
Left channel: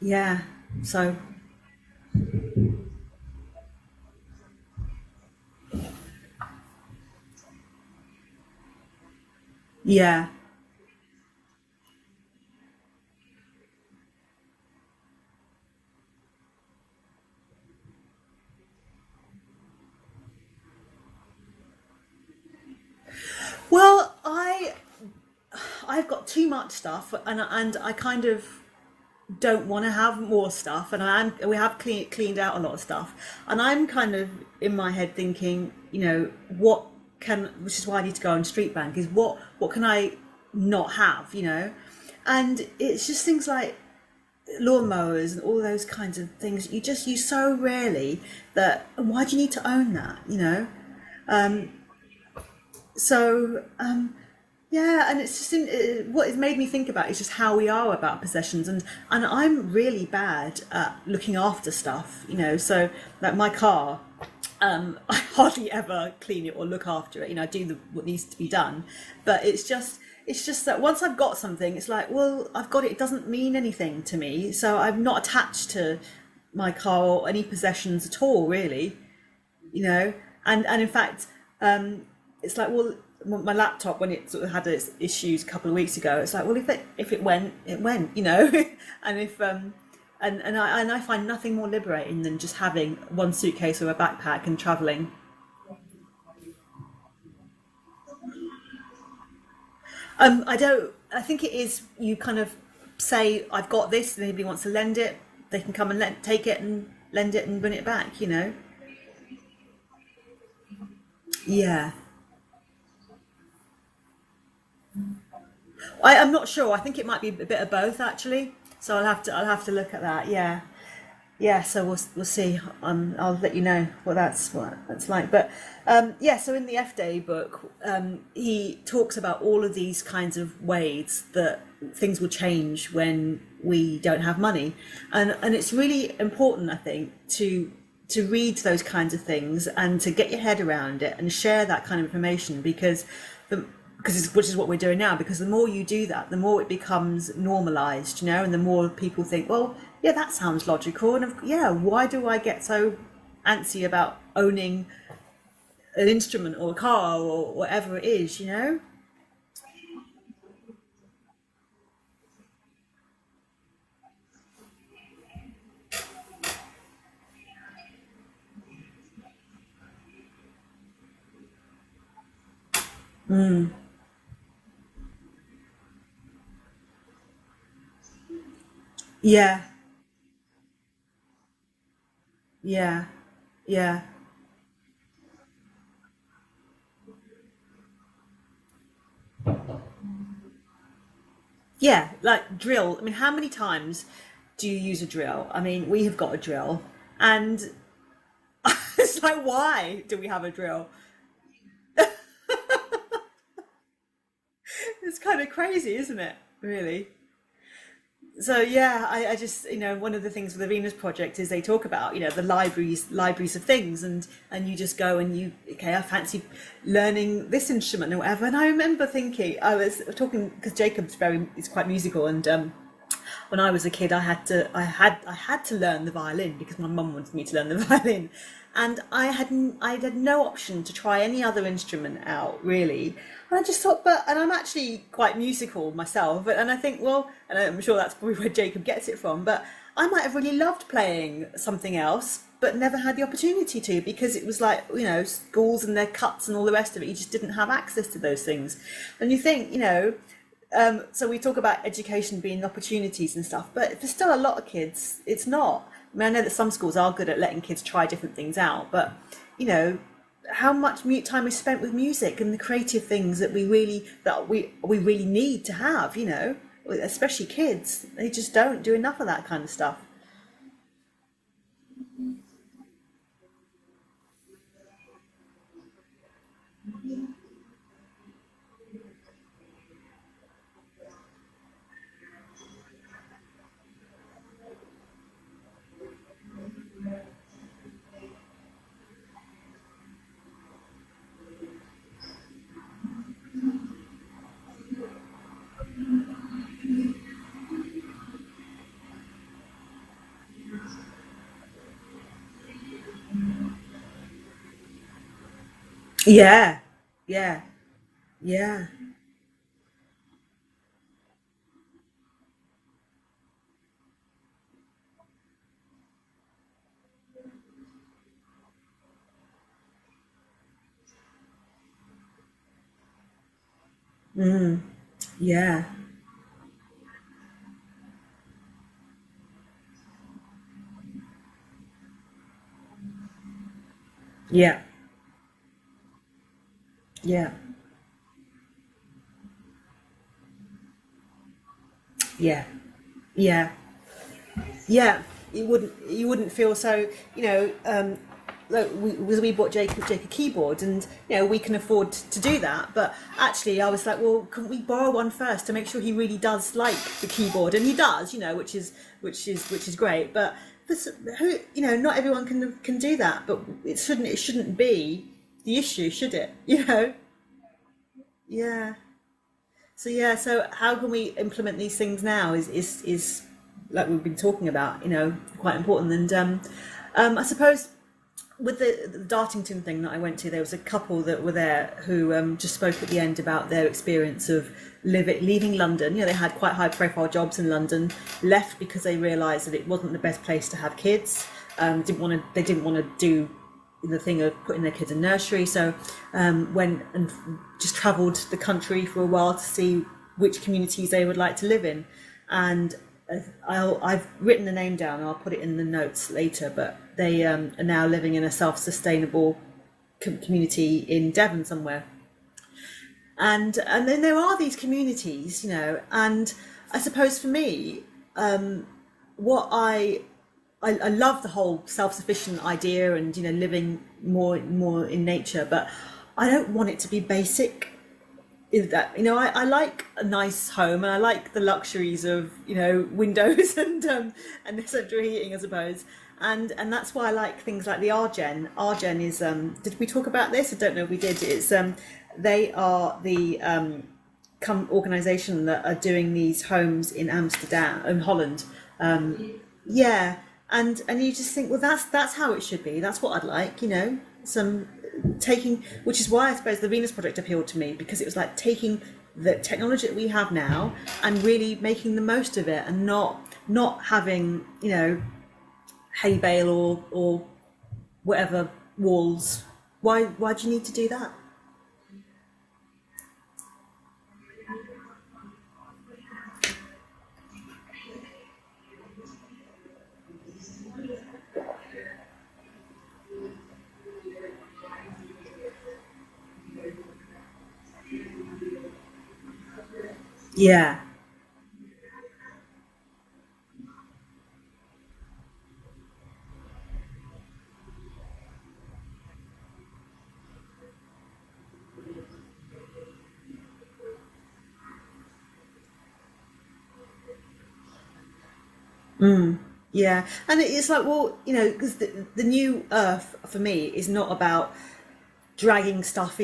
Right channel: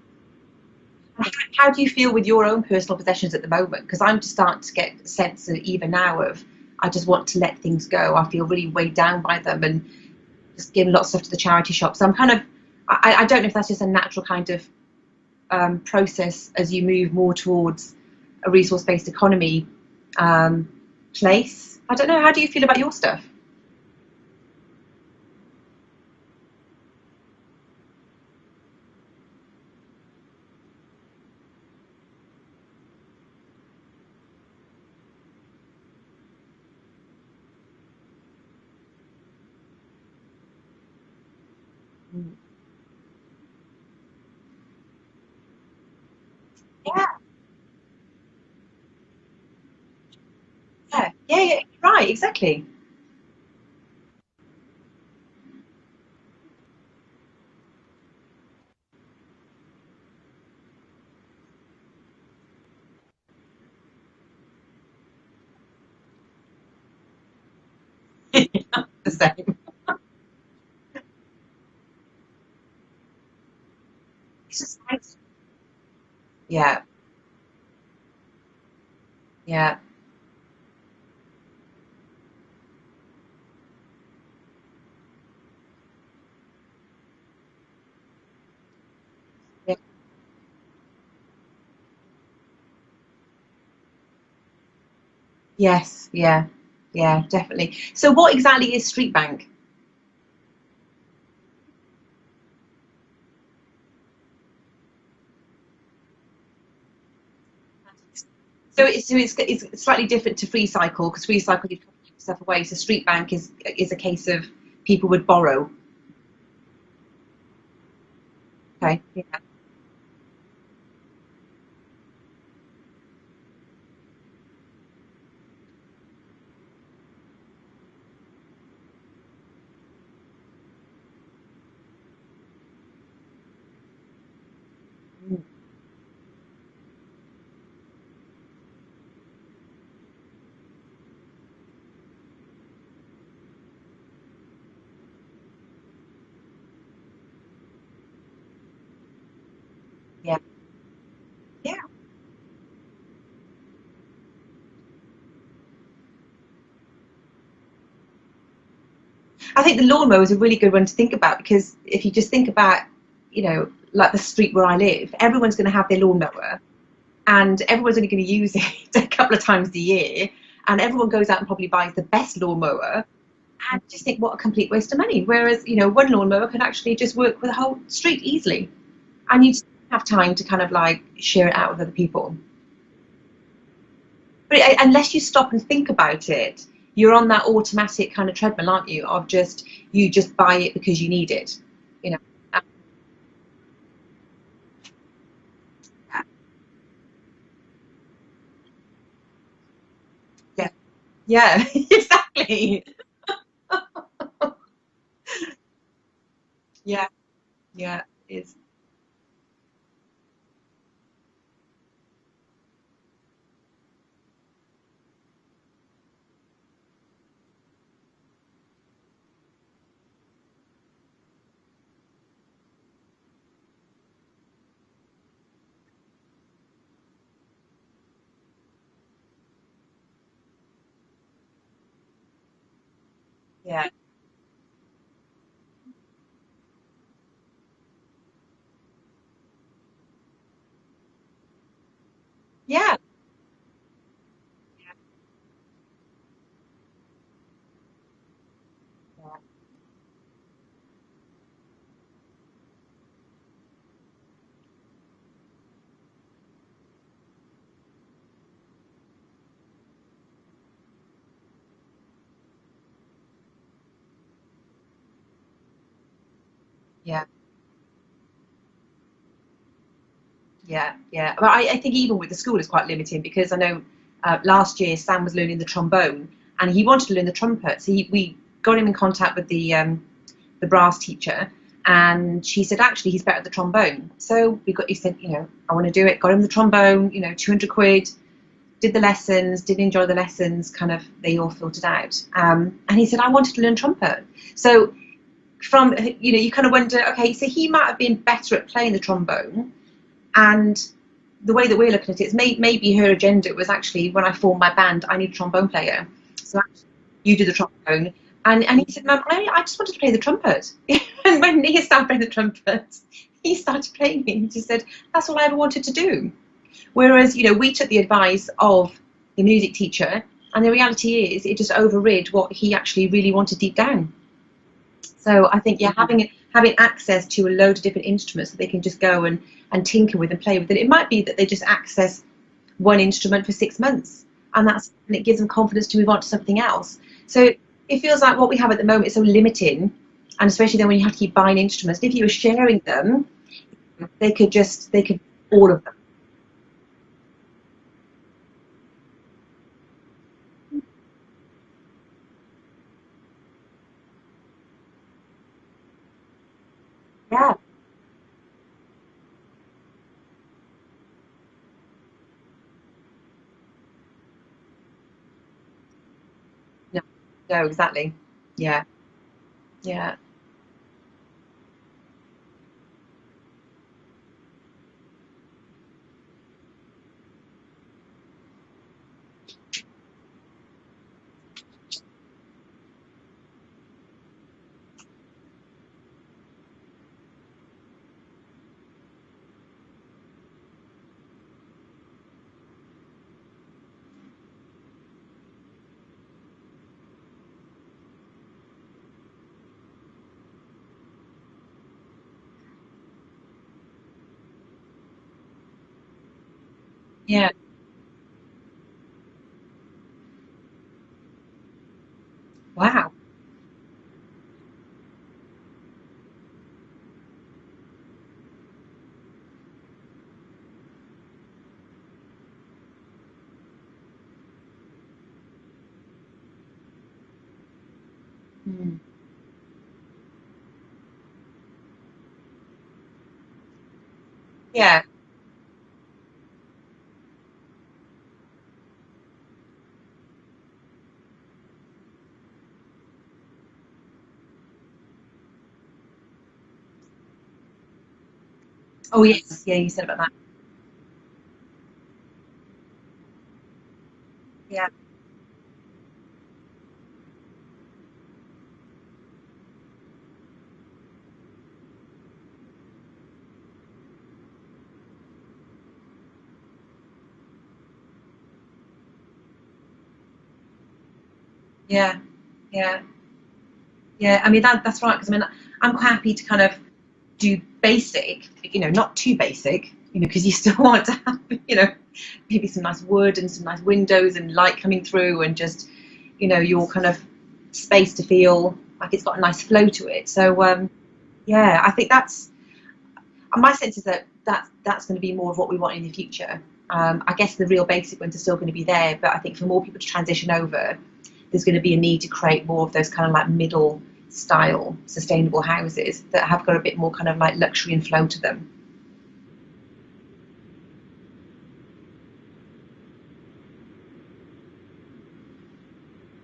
yeah. So how do you feel with your own personal possessions at the moment? Because I'm just starting to get a sense of, even now, of I just want to let things go. I feel really weighed down by them, and just giving lots of stuff to the charity shop. So I'm kind of, I don't know if that's just a natural kind of process as you move more towards a resource-based economy place. I don't know. How do you feel about your stuff? Well, I've got too much stuff, and I kind of don't want to have more stuff, and we have cleaned out a lot of stuff, and I'm kind of in my head thinking, you know, which is why I need to go on Street Bank, is what can I not have, you know? And it's just things like lawnmowers and all those kinds of things you just use so rarely, that why do you need to own that, you know? Yeah, right, exactly. So yeah, and it's just what it's made me think about is just how we are about possessions, and I'm really bad at looking after stuff, you know. So like my car, I hardly ever clean it or look after it. You know, I do what needs to be done, but it's just that once I've got something, it's like, well, I've got it. It doesn't mean anything to me, so I'm not attached to my car or any possessions at all, really. Yeah. You know, and in fact, it's like, well, my laptop, when it sort of had its issues a couple of weeks ago, it's like, well, if it went, it went, you know. And if and I find nothing more liberating than just having one suitcase or a backpack and traveling. Yes, yeah, definitely. So what exactly is Street Bank? I think it is, you kind of say, I've got this, and anybody wants to lend it, they can come and take it and lend it and bring it back, you know. So it's slightly different to Free Cycle, because Free Cycle stuff away. So Street Bank is a case of people would borrow. I'm not sure. I think it might be a bit of both, actually. Okay. So I'll have to look at that. Yeah. So we'll see. I'll let you know what that's like. But so in the F Day book, he talks about all of these kinds of ways that things will change when we don't have money, and it's really important, I think, to read those kinds of things and to get your head around it and share that kind of information, which is what we're doing now, because the more you do that, the more it becomes normalized, you know, and the more people think, well, that sounds logical, and why do I get so antsy about owning an instrument or a car or whatever it is, you know? I think the lawnmower is a really good one to think about, because if you just think about, you know, like the street where I live, everyone's going to have their lawnmower, and everyone's only going to use it a couple of times a year, and everyone goes out and probably buys the best lawnmower, and just think, what a complete waste of money. Whereas, you know, one lawnmower can actually just work with the whole street easily. Yeah. And you just have time to kind of like share it out with other people. Yeah. But unless you stop and think about it, you're on that automatic kind of treadmill, aren't you? Of you just buy it because you need it. Yeah, you know? Like drill. I mean, how many times do you use a drill? I mean, we have got a drill, and it's like, why do we have a drill? Yeah, exactly. It's kind of crazy, isn't it? Really? Yeah. So I just, you know, one of the things with the Venus Project is they talk about, you know, the libraries of things, and you just go and I fancy learning this instrument or whatever. And I remember thinking, I was talking, because Jacob's is quite musical, and when I was a kid, I had to learn the violin because my mum wanted me to learn the violin, and I had no option to try any other instrument out really. And I just thought, and I'm actually quite musical myself, and I think, well, and I'm sure that's probably where Jacob gets it from, but I might have really loved playing something else, but Yeah. never had the opportunity to, because it was like, you know, schools and their cuts and all the rest of it, you just didn't have access to those things. And you think, you know, so we talk about education being opportunities and stuff, but for still a lot of kids, it's not. I mean, I know that some schools are good at letting kids try different things out, but, you know, how much time is spent with music and the creative things that we really need to have, you know, especially kids. They just don't do enough of that kind of stuff. Yeah, yeah. But I think even with the school it's quite limiting, because I know last year Sam was learning the trombone and he wanted to learn the trumpet. So we got him in contact with the brass teacher, and she said actually he's better at the trombone. So he said, you know, I want to do it. Got him the trombone, you know, 200 quid. Did the lessons, did enjoy the lessons, kind of, they all filtered out. And he said, I wanted to learn trumpet. So from, you know, you kind of wonder, okay, so he might have been better at playing the trombone. And the way that we're looking at it is maybe her agenda was actually, when I formed my band, I need a trombone player. Yeah. You do the trombone. And he said, Mum, I just wanted to play the trumpet. And when he started playing the trumpet, he started playing it. He just said, that's all I ever wanted to do. Whereas, you know, we took the advice of the music teacher, and the reality is it just overrid what he actually really wanted deep down. So I think, having access to a load of different instruments that they can just go and tinker with and play with. And it might be that they just access one instrument for 6 months, and and it gives them confidence to move on to something else. So it feels like what we have at the moment is so limiting, and especially then when you have to keep buying instruments. If you were sharing them, they could just all of them. You wouldn't feel so, you know, look, we bought Jacob a keyboard, and, you know, we can afford to do that, but actually I was like, well, can we borrow one first to make sure he really does like the keyboard? And he does, you know, which is great, but who, you know, not everyone can do that, but it shouldn't be the issue, should it? You know? No, exactly. Yeah. So how can we implement these things now is like we've been talking about, you know, quite important. And I suppose with the Dartington thing that I went to, there was a couple that were there who just spoke at the end about their experience of leaving London. You know, they had quite high profile jobs in London, left because they realised that it wasn't the best place to have kids. They didn't want to do the thing of putting their kids in nursery, so went and just travelled the country for a while to see which communities they would like to live in. And I've written the name down, and I'll put it in the notes later, but they are now living in a self-sustainable community in Devon somewhere. Wow. And then there are these communities, you know, and I suppose for me, what I love the whole self-sufficient idea, and, you know, living more in nature, but I don't want it to be basic. That, you know, I like a nice home, and I like the luxuries of, you know, windows and central heating, I suppose, and that's why I like things like the Argen. Argen is did we talk about this? I don't know if we did. It's they are the organisation that are doing these homes in Amsterdam, in Holland. And you just think, well, that's how it should be. That's what I'd like, you know. Taking, which is why I suppose the Venus Project appealed to me, because it was like taking the technology that we have now and really making the most of it, and not having, you know, hay bale or whatever walls. Why do you need to do that? I mean, that's right, because I mean, I'm quite happy to kind of do basic, you know, not too basic, you know, because you still want to have, you know, maybe some nice wood and some nice windows and light coming through, and just, you know, your kind of space to feel like it's got a nice flow to it. So I think that's my sense is that's going to be more of what we want in the future. I guess the real basic ones are still going to be there, but I think for more people to transition over, there's going to be a need to create more of those kind of like middle style sustainable houses that have got a bit more kind of like luxury and flow to them. Yeah, and it's like, well, you know, because the new Earth for me is not about dragging stuff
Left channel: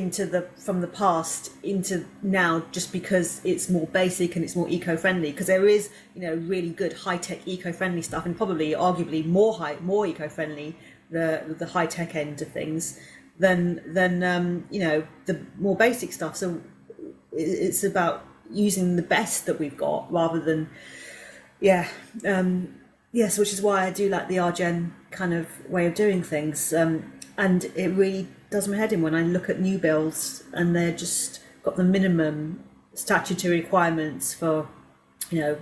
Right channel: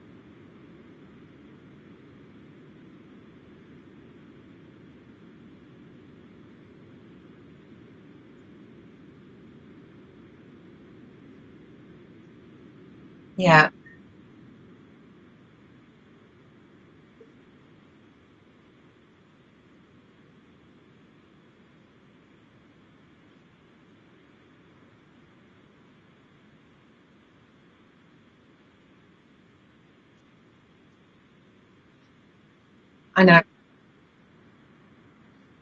from the past into now just because it's more basic and it's more eco-friendly, because there is, you know, really good high-tech eco-friendly stuff, and probably arguably more eco-friendly the high tech end of things Yeah. than you know, the more basic stuff. So it's about using the best that we've got rather than yes, which is why I do like the Argen kind of way of doing things. And it really does my head in when I look at new builds and they're just got the minimum statutory requirements for, you know,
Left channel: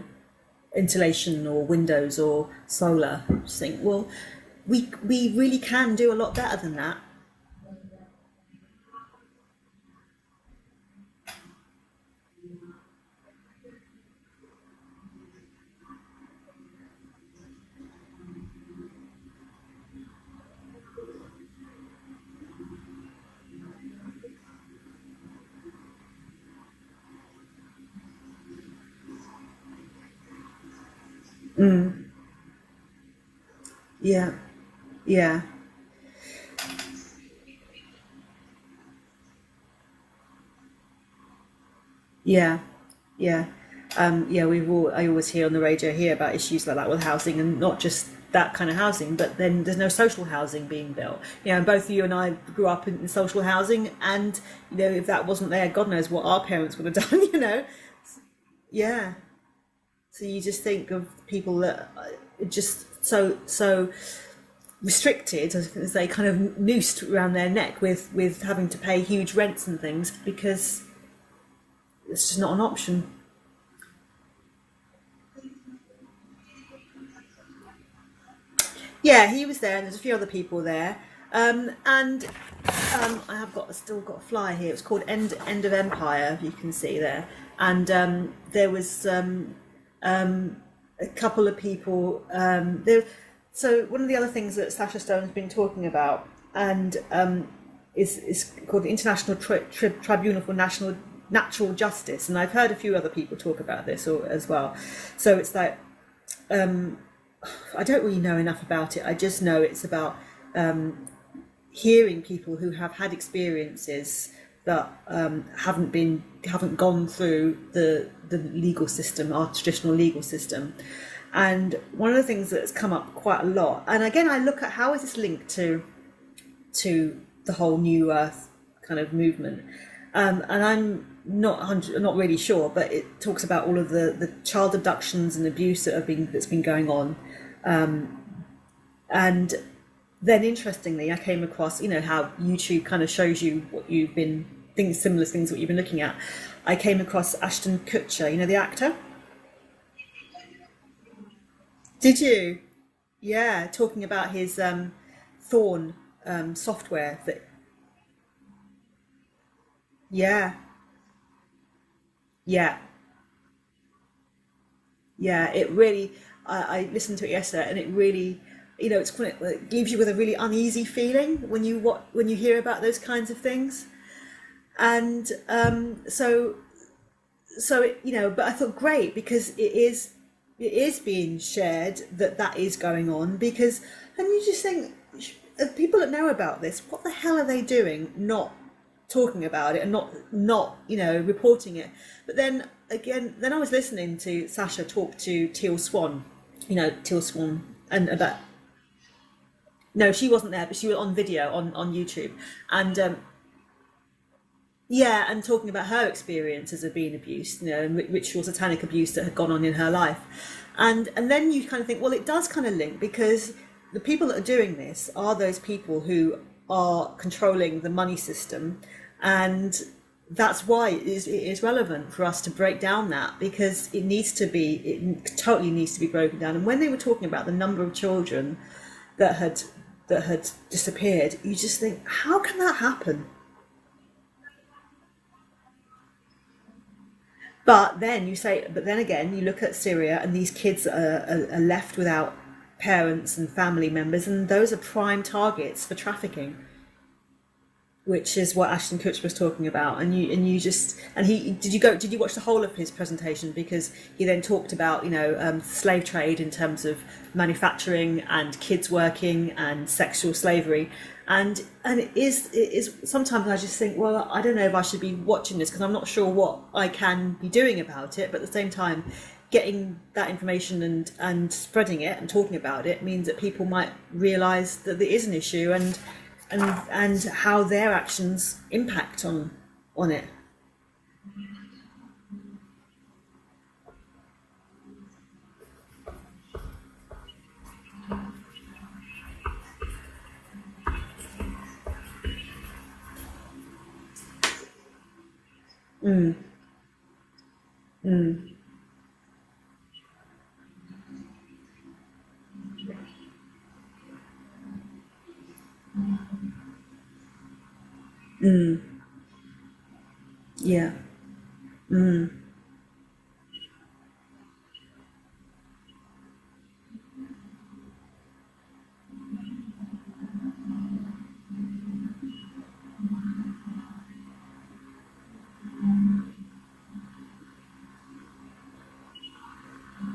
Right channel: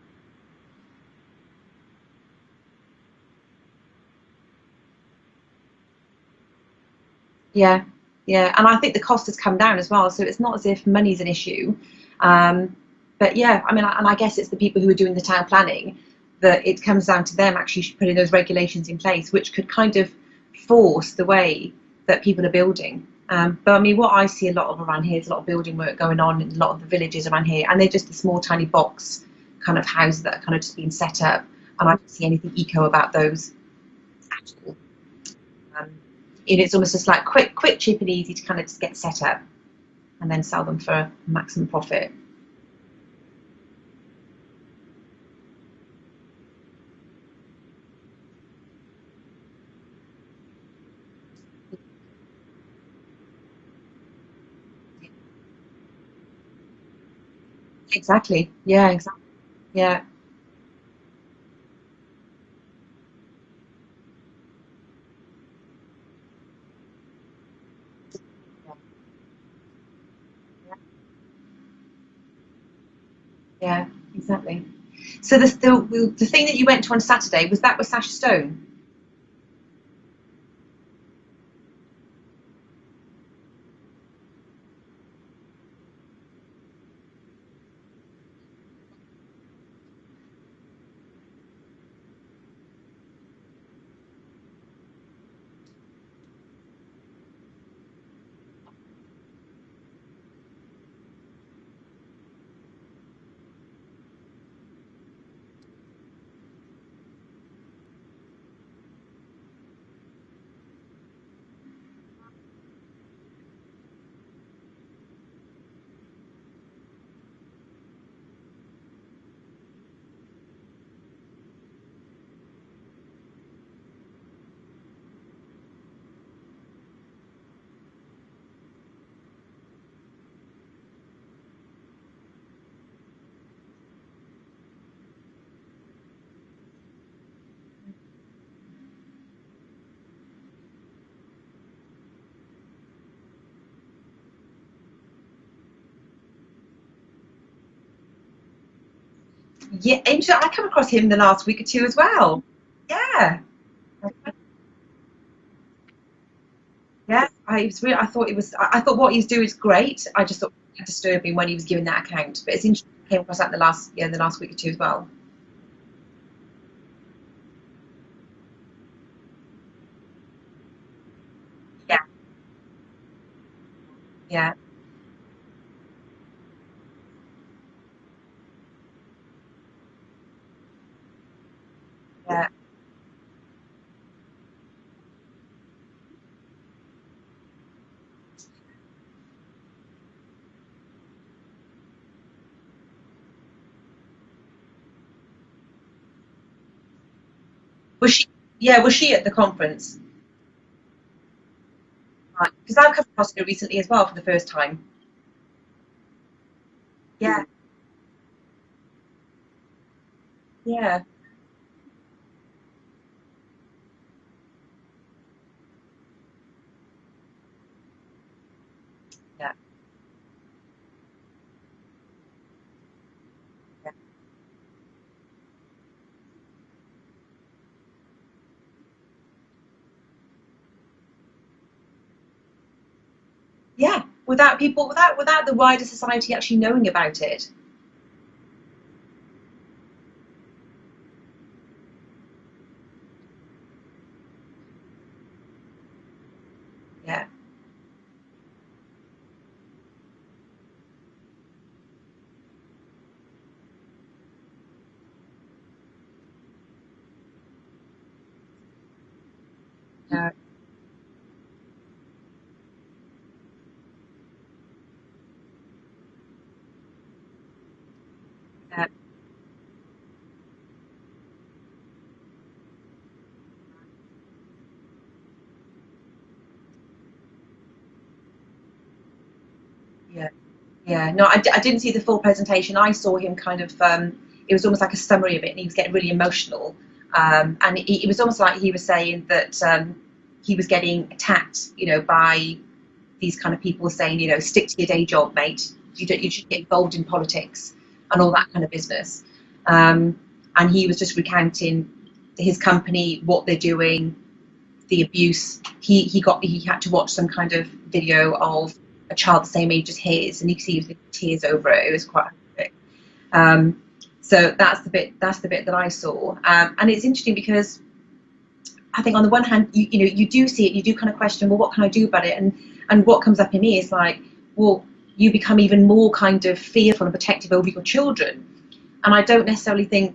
insulation or windows or solar. I just think, well, we really can do a lot better than that. Yeah, yeah, and I think the cost has come down as well, so it's not as if money's an issue. But yeah, I mean, and I guess it's the people who are doing the town planning that it comes down to them actually putting those regulations in place, which could kind of force the way that people are building. But I mean, what I see a lot of around here is a lot of building work going on in a lot of the villages around here, and they're just the small, tiny box kind of houses that are kind of just being set up, and I don't see anything eco about those. Yeah. At all. Yeah. It's almost just like quick, cheap, and easy to kind of just get set up, and then sell them for maximum profit. Yeah. Yeah. Yeah. I always hear on the radio here about issues like that with housing, and not just that kind of housing, but then there's no social housing being built. You know, and both you and I grew up in social housing, and you know, if that wasn't there, God knows what our parents would have done. You know. Exactly. Yeah. Exactly. Yeah. So you just think of people that are just so restricted, as they kind of noosed around their neck with having to pay huge rents and things because it's just not an option. Yeah, exactly. So the thing that you went to on Saturday, was that with Sasha Stone? Yeah, he was there, and there's a few other people there. And I have still got a flyer here. It's called End of Empire. You can see there, and there was a couple of people there. So one of the other things that Sasha Stone's been talking about, and is called the International Tribunal for Natural Justice, and I've heard a few other people talk about this as well. So it's like I don't really know enough about it. I just know it's about hearing people who have had experiences that haven't gone through the legal system, our traditional legal system. And one of the things that's come up quite a lot, and again, I look at how is this linked to the whole New Earth kind of movement, and I'm not really sure, but it talks about all of the child abductions and abuse that's been going on, and then interestingly, I came across, you know, how YouTube kind of shows you what you've been similar things what you've been looking at. I came across Ashton Kutcher, you know, the actor. Yeah, I come across him the last week or two as well. Did you? Yeah. Yeah, talking about his Thorn software. Yeah, I thought what he's doing is great. Yeah. I just thought it was disturbing when he was giving that account. But it's interesting I came across that the last week or two as well. Yeah, it really. I listened to it yesterday, and it really, you know, it leaves you with a really uneasy feeling when you hear about those kinds of things. Yeah. And so it, you know, but I thought great, because it is being shared that is going on, because, and you just think, people that know about this, what the hell are they doing not talking about it and not you know, reporting it? But then again, I was listening to Sasha talk to Teal Swan, you know, Teal Swan, and was she at the conference? No, she wasn't there, but she was on video on YouTube. Because I've come across her recently as well for the first time. Yeah, and talking about her experiences of being abused, you know, and ritual satanic abuse that had gone on in her life. Yeah. And then you kind of think, well, it does kind of link, because the people that are doing this are those people who are controlling the money system, and that's why it is relevant for us to break down that, because it totally needs to be broken down. And when they were talking about the number of children that had disappeared, you just think, how can that happen? Yeah, without the wider society actually knowing about it. But then again, you look at Syria, and these kids are left without parents and family members, and those are prime targets for trafficking. Yeah. Which is what Ashton Kutcher was talking about, did you watch the whole of his presentation? Because he then talked about, you know, slave trade in terms of manufacturing and kids working and sexual slavery, and it is sometimes I just think, well, I don't know if I should be watching this, because I'm not sure what I can be doing about it, but at the same time, getting that information and spreading it and talking about it means that people might realise that there is an issue and how their actions impact on it. Yeah, no, I didn't see the full presentation. I saw him kind of, it was almost like a summary of it, and he was getting really emotional. And it was almost like he was saying that he was getting attacked, you know, by these kind of people saying, you know, stick to your day job, mate. You should get involved in politics and all that kind of business. And he was just recounting his company, what they're doing, the abuse. He had to watch some kind of video of a child the same age as his, and he could see tears over it. It was quite horrific. So that's the bit that I saw, and it's interesting because I think on the one hand, you do see it, you do kind of question, well, what can I do about it? And what comes up in me is like, well, you become even more kind of fearful and protective over your children, and I don't necessarily think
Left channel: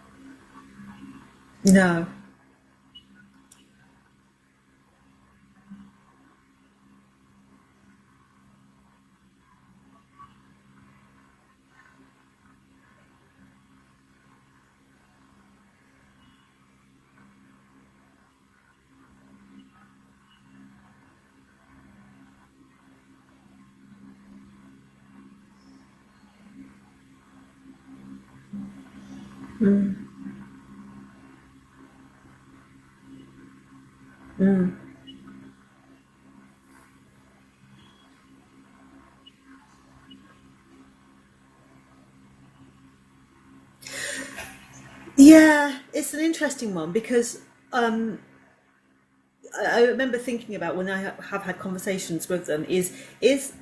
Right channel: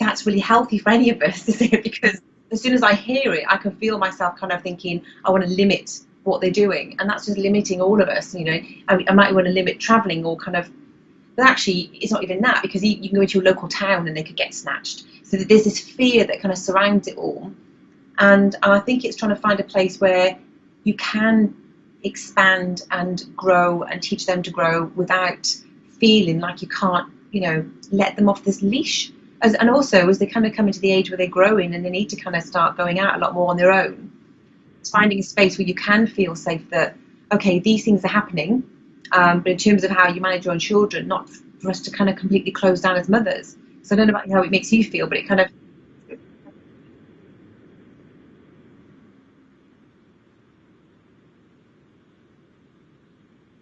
that's really healthy for any of us, is it? No. Because as soon as I hear it, I can feel myself kind of thinking, I want to limit what they're doing, and that's just limiting all of us. You know, I might want to limit traveling or kind of, but actually it's not even that, because you can go into a local town and they could get snatched. So there's this fear that kind of surrounds it all, and I think it's trying to find a place where you can expand and grow and teach them to grow without feeling like you can't, you know, let them off this leash. And also as they kind of come into the age where they're growing and they need to kind of start going out a lot more on their own, it's finding a space where you can feel safe that, okay, these things are happening, but in terms of how you manage your own children, not for us to kind of completely close down as mothers. So I don't know about how it makes you feel, but it's an interesting one, because I remember thinking about, when I have had conversations with them,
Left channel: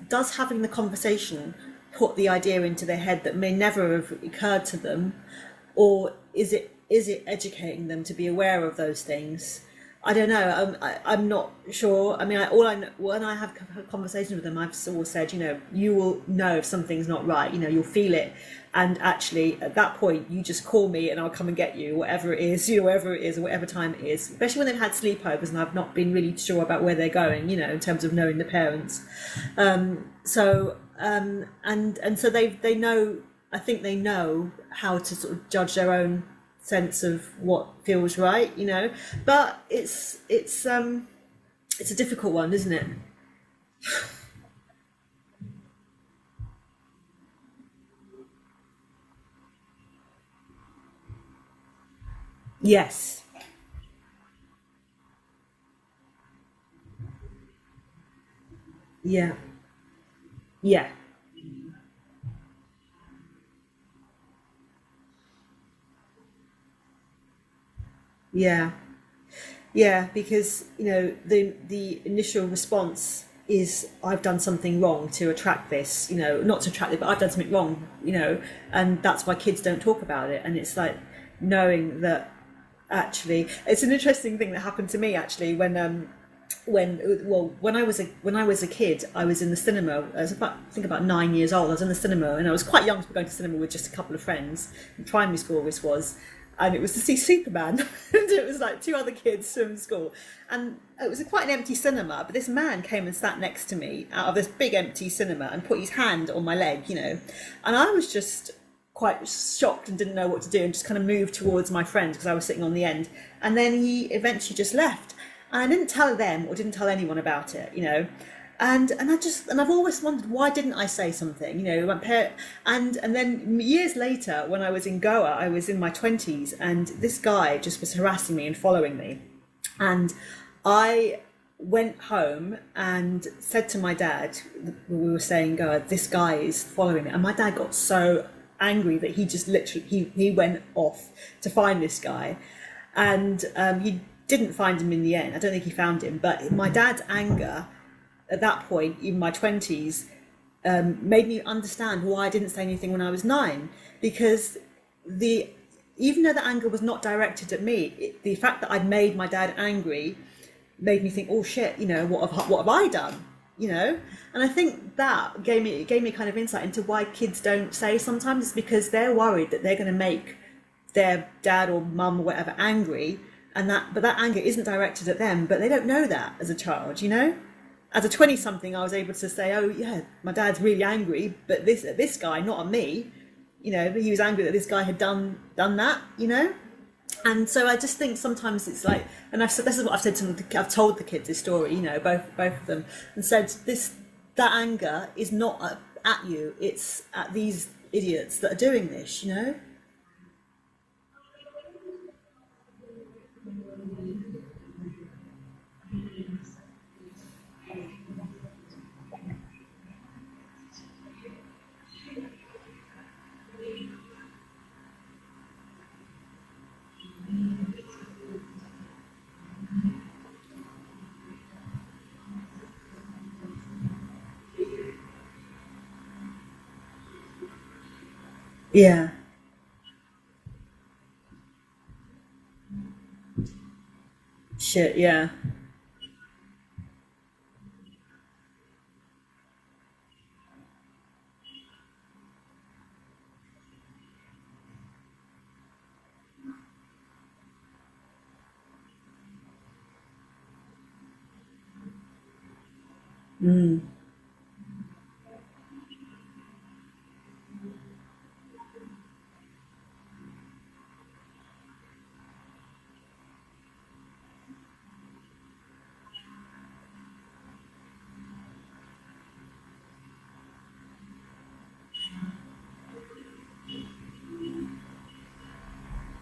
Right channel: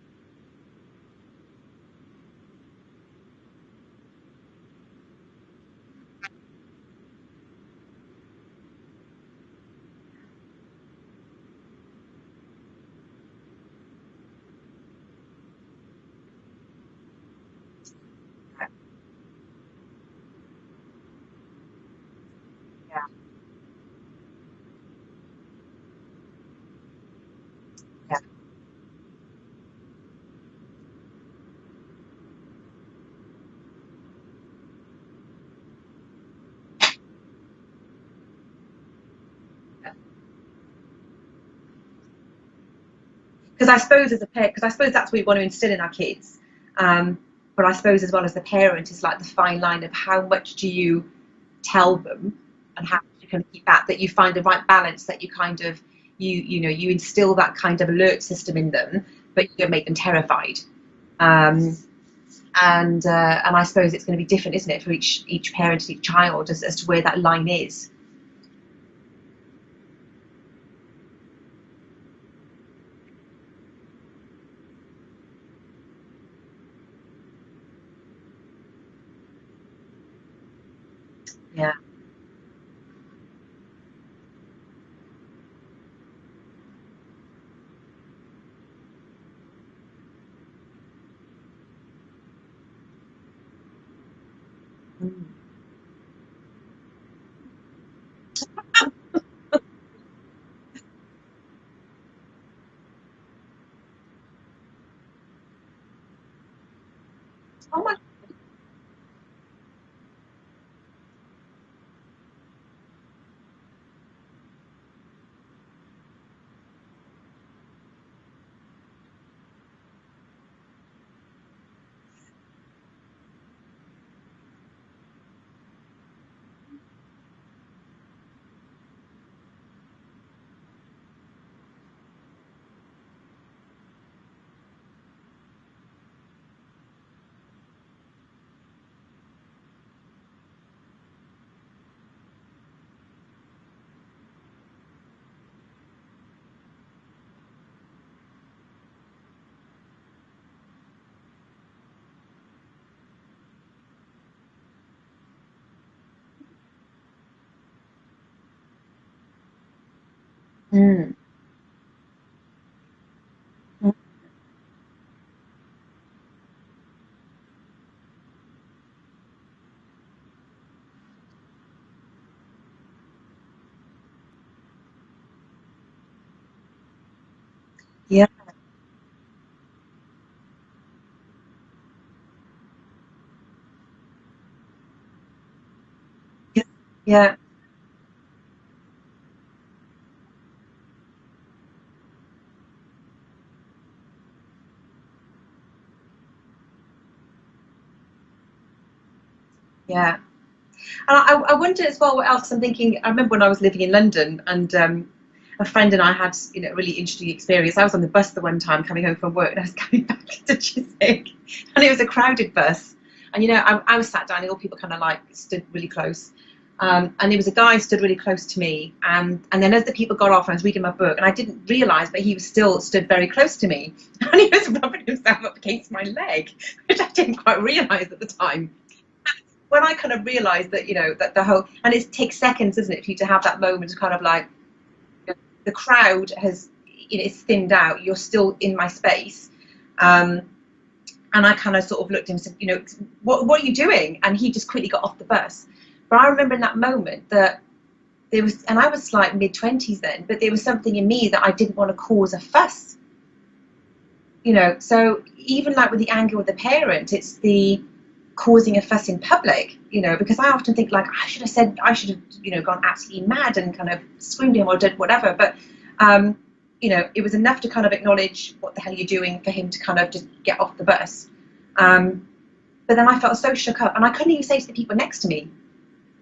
does having the conversation put the idea into their head that may never have occurred to them, or is it educating them to be aware of those things? I don't know. I'm not sure. I mean, when I have conversations with them, I've always said, you know, you will know if something's not right. You know, you'll feel it, and actually at that point, you just call me and I'll come and get you, whatever it is, you know, wherever it is, or whatever time it is. Especially when they've had sleepovers and I've not been really sure about where they're going. You know, in terms of knowing the parents. So they know. I think they know how to sort of judge their own sense of what feels right, you know, but it's a difficult one, isn't it? Because I suppose as a parent, because I suppose that's what we want to instill in our kids, but I suppose as well as the parent, it's like the fine line of how much do you tell them, yes, how you can keep that you find the right balance, that you kind of you instill that kind of alert system in them, but you don't make them terrified. And I suppose it's going to be different, isn't it, for each parent and each child as to where that line is. Yeah, because, you know, the initial response is, I've done something wrong to attract this, you know, not to attract it, but I've done something wrong, you know, and that's why kids don't talk about it. And it's like knowing that actually, it's an interesting thing that happened to me actually when I was a kid, I was in the cinema. I was about 9 years old. I was in the cinema, and I was quite young to be going to cinema with just a couple of friends. In primary school, this was, and it was to see Superman. And it was like 2 other kids from school, and it was quite an empty cinema. But this man came and sat next to me out of this big empty cinema and put his hand on my leg, you know, and I was just quite shocked and didn't know what to do, and just kind of moved towards my friend because I was sitting on the end. And then he eventually just left. And I didn't tell them or didn't tell anyone about it, you know, and I've always wondered, why didn't I say something, you know, and then years later, when I was in Goa, I was in my 20s, and this guy just was harassing me and following me, and I went home and said to my dad, we were saying, this guy is following me, and my dad got so angry that he just literally he went off to find this guy, and he didn't find him in the end. I don't think he found him, but my dad's anger at that point, even my 20s, made me understand why I didn't say anything when I was 9, because even though the anger was not directed at me, the fact that I'd made my dad angry made me think, oh shit, you know, what have I done, you know? And I think that gave me kind of insight into why kids don't say sometimes. It's because they're worried that they're going to make their dad or mum or whatever angry, but that anger isn't directed at them, but they don't know that as a child, you know? As a 20-something, I was able to say, oh yeah, my dad's really angry, but this guy, not at me, you know, he was angry that this guy had done that, you know. Yeah. And so I just think sometimes it's like, and I've said, this is what I've said to them, I've told the kids this story, you know, both of them, and said that anger is not at you, it's at these idiots that are doing this, you know. Yeah. And I wonder as well what else. I'm thinking, I remember when I was living in London, and a friend and I had, you know, a really interesting experience. I was on the bus the one time coming home from work, and I was coming back to Chiswick, and it was a crowded bus. And, you know, I was sat down, and all people kind of like stood really close. And there was a guy stood really close to me. And then as the people got off, I was reading my book, and I didn't realise, but he was still stood very close to me. And he was rubbing himself up against my leg, which I didn't quite realise at the time. Yeah. When I kind of realised that, you know, that the whole, and it takes seconds, isn't it, for you to have that moment of kind of like, shit, yeah. You know, the crowd has, you know, it's thinned out, you're still in my space. And I kind of sort of looked at him and said, you know, what are you doing? And he just quickly got off the bus. But I remember in that moment that there was, and I was like mid-20s then, but there was something in me that I didn't want to cause a fuss. You know, so even like with the anger with the parent, it's the causing a fuss in public, you know, because I often think like I should have, you know, gone absolutely mad and kind of screamed at him or did whatever. But, you know, it was enough to kind of acknowledge what the hell you're doing for him to kind of just get off the bus. But then I felt so shook up, and I couldn't even say to the people next to me,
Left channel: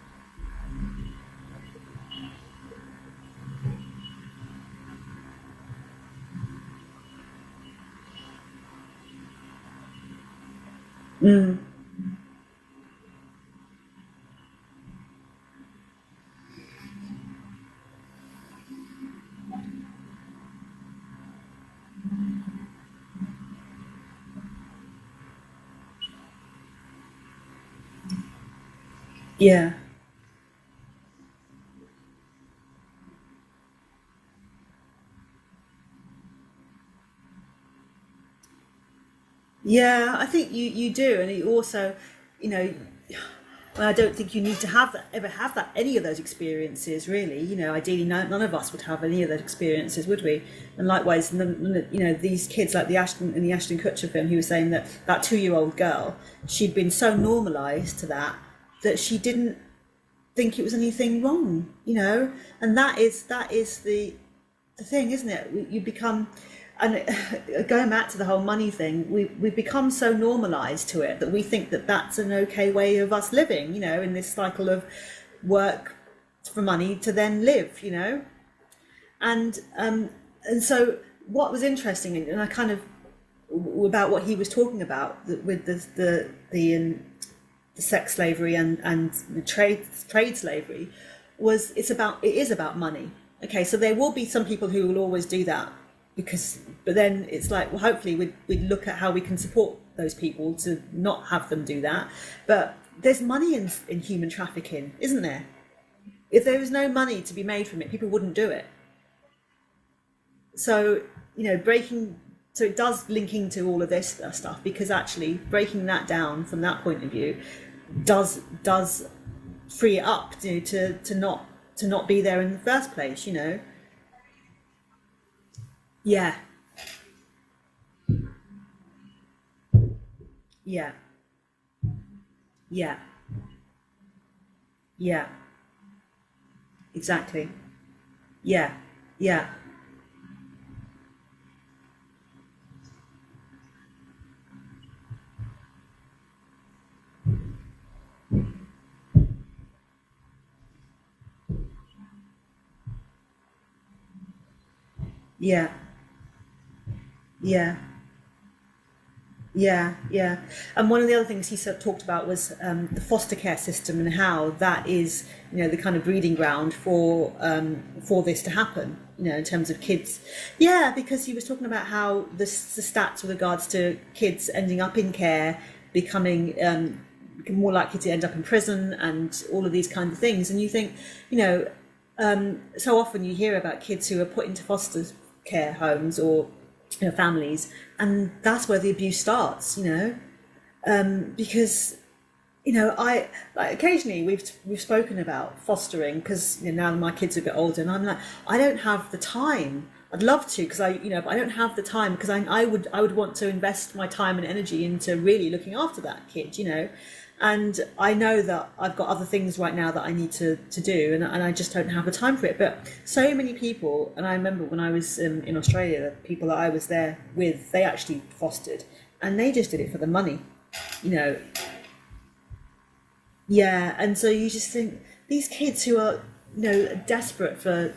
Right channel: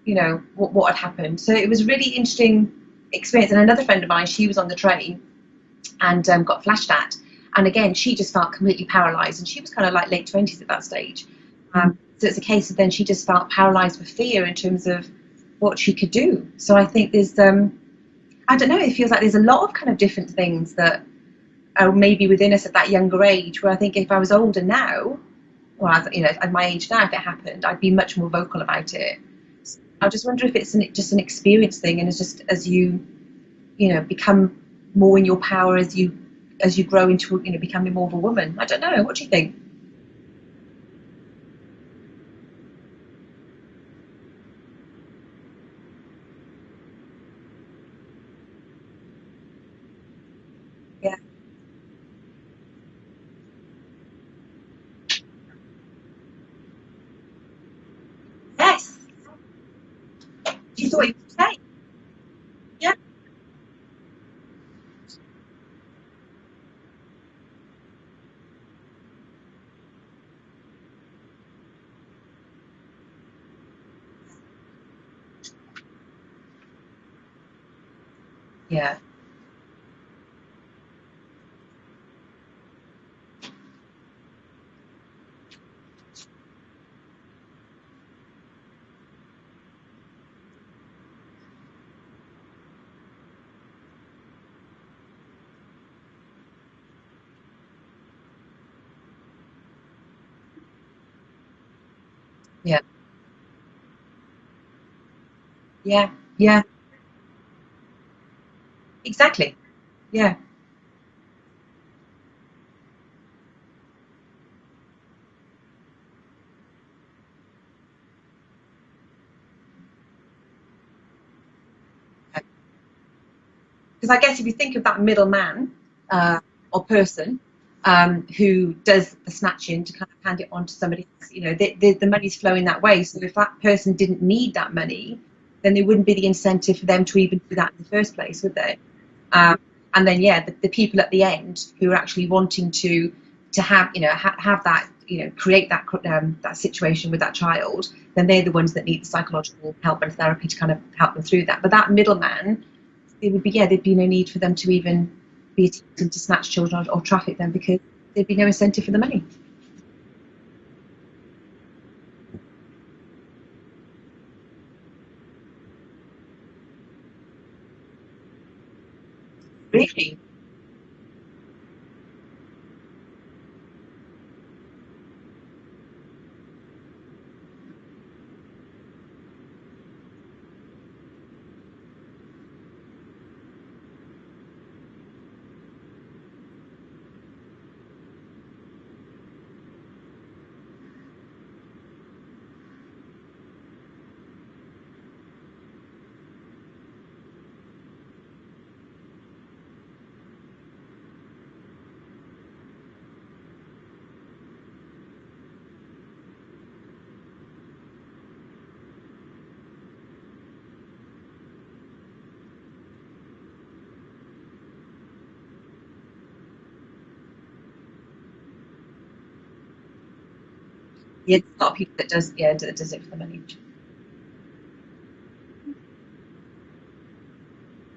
you know, what had happened. So it was a really interesting experience. And another friend of mine, she was on the train and got flashed at. And again, she just felt completely paralysed, and she was kind of like late 20s at that stage. So it's a case of then she just felt paralysed with fear in terms of what she could do. So I think there's, I don't know, it feels like there's a lot of kind of different things that are maybe within us at that younger age, where I think if I was older now, or, you know, at my age now, if it happened, I'd be much more vocal about it. Yeah. I just wonder if it's just an experience thing, and it's just as you know, become more in your power as you grow into, you know, becoming more of a woman. I don't know. What do you think? Yeah, I think you do, and you also, you know, I don't think you need to ever have any of those experiences, really. You know, ideally, none of us would have any of those experiences, would we? And likewise, you know, these kids, like the Ashton Kutcher film, he was saying that 2-year-old girl, she'd been so normalised to that that she didn't think it was anything wrong, you know. And that is the thing, isn't it? You become, and going back to the whole money thing, we've become so normalised to it that we think that that's an okay way of us living, you know, in this cycle of work for money to then live, you know. Yeah. And so what was interesting, and I kind of, about what he was talking about with the sex slavery and the trade slavery, was it is about money. Okay, so there will be some people who will always do that, but then it's like, well, hopefully we'd look at how we can support those people to not have them do that. But there's money in human trafficking, isn't there? Yeah. If there was no money to be made from it, people wouldn't do it. Exactly. Yeah. So, you know, so it does link into all of this stuff, because actually breaking that down from that point of view does free it up to not be there in the first place, you know. Because I guess if you think of that middleman or person who does the snatching to kind of hand it on to somebody else, you know, the money's flowing that way. So if that person didn't need that money, then there wouldn't be the incentive for them to even do that in the first place, would there? Yeah. And then the people at the end who are actually wanting to have, you know, have that, you know, create that situation with that child, then they're the ones that need the psychological help and therapy to kind of help them through that. But that middleman, there'd be no need for them to even be attempting to snatch children or traffic them, because there'd be no incentive for the money. Yeah. And one of the other things he talked about was the foster care system, and how that is, you know, the kind of breeding ground for this to happen, you know, in terms of kids. Yeah, because he was talking about how the stats with regards to kids ending up in care, becoming more likely to end up in prison, and all of these kinds of things. And you think, you know, so often you hear about kids who are put into foster care homes or, you know, families, and that's where the abuse starts, you know, because, you know, I like occasionally we've spoken about fostering, because, you know, now my kids are a bit older, and I'm like, I don't have the time. I'd love to, because I don't have the time, because I would want to invest my time and energy into really looking after that kid, you know. and I know that I've got other things right now that I need to do, and I just don't have the time for it. But so many people, and I remember when I was in Australia, the people that I was there with, they actually fostered, and they just did it for the money, you know. Yeah, a lot of people that does it for the money. Yeah, and so you just think these kids who are, you know, desperate for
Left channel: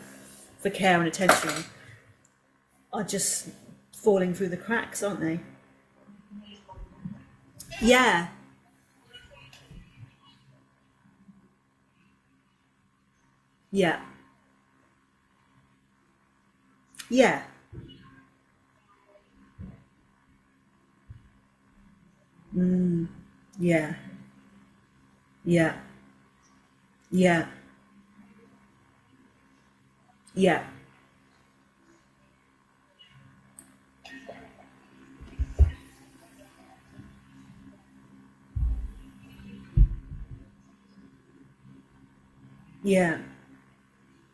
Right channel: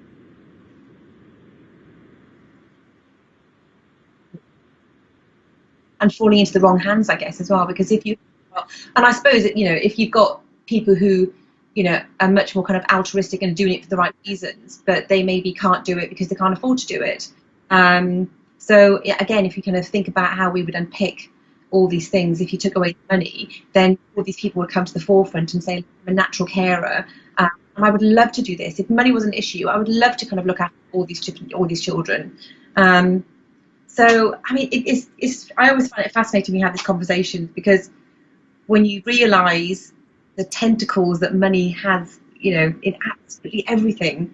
care and attention are just falling through the cracks, aren't they? And falling into the wrong hands, I guess, as well, because Yeah. and I suppose that, you know, if you've got people who, you know, are much more kind of altruistic and doing it for the right reasons, but they maybe can't do it because they can't afford to do it. Yeah. So again, if you kind of think about how we would unpick all these things, if you took away the money, then all these people would come to the forefront and say, I'm a natural carer. Yeah. And I would love to do this. If money was an issue, I would love to kind of look after all these children. So, I mean, I always find it fascinating we have this conversation, because when you realise the tentacles that money has, you know, in absolutely everything,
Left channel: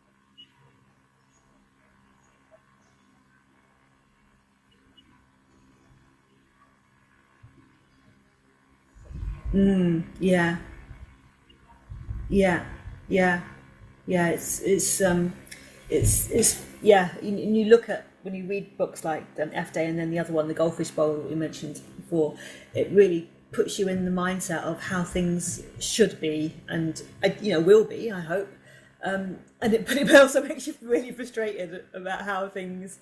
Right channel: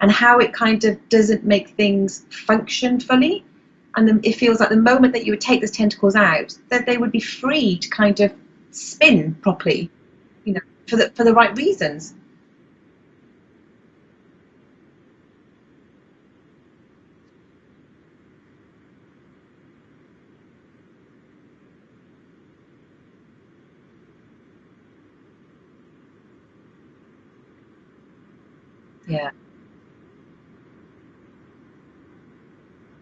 and how it kind of doesn't make things function fully, and then it feels like the moment that you would take those tentacles out, that they would be free to kind of spin properly, you know, for the right reasons. It's and you look at, when you read books like F Day, and then the other one, the Goldfish Bowl that we mentioned before, it really puts you in the mindset of how things should be, and you know, will be, I hope. But it also makes you really frustrated about how things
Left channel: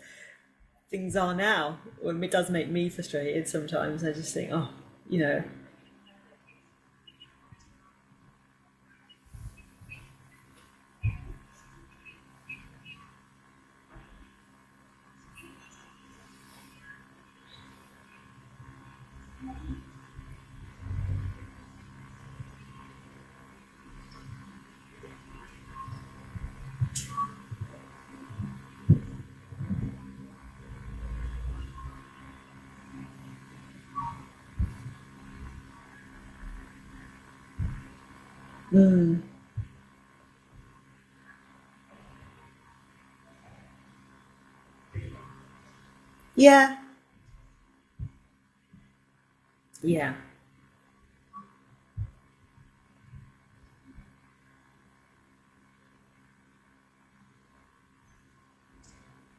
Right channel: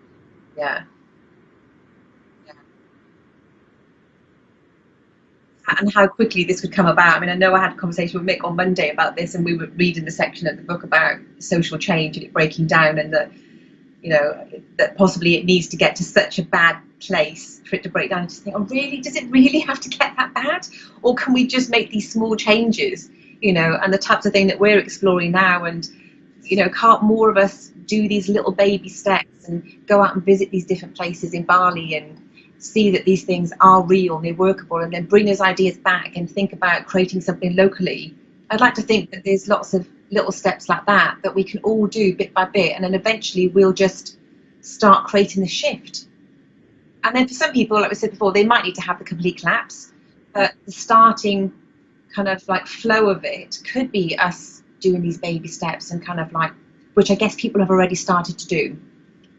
are now. Well, it does make me frustrated sometimes. I just think, oh, you know, and how quickly this would come about. I mean, I know I had a conversation with Mick on Monday about this, and we were reading the section of the book about social change and it breaking down, and that, you know, that possibly it needs to get to such a bad place for it to break down. And just think, oh, really? Does it really have to get that bad? Or can we just make these small changes, you know, and the types of thing that we're exploring now? And, you know, can't more of us do these little baby steps and go out and visit these different places in Bali and see that these things are real and they're workable, and then bring those ideas back and think about creating something locally? I'd like to think that there's lots of little steps like that we can all do bit by bit, and then eventually we'll just start creating the shift. Yeah. And then for some people, like we said before, they might need to have the complete collapse. Yeah. But the starting kind of like flow of it could be us doing these baby steps, and kind of like, which I guess people have already started to do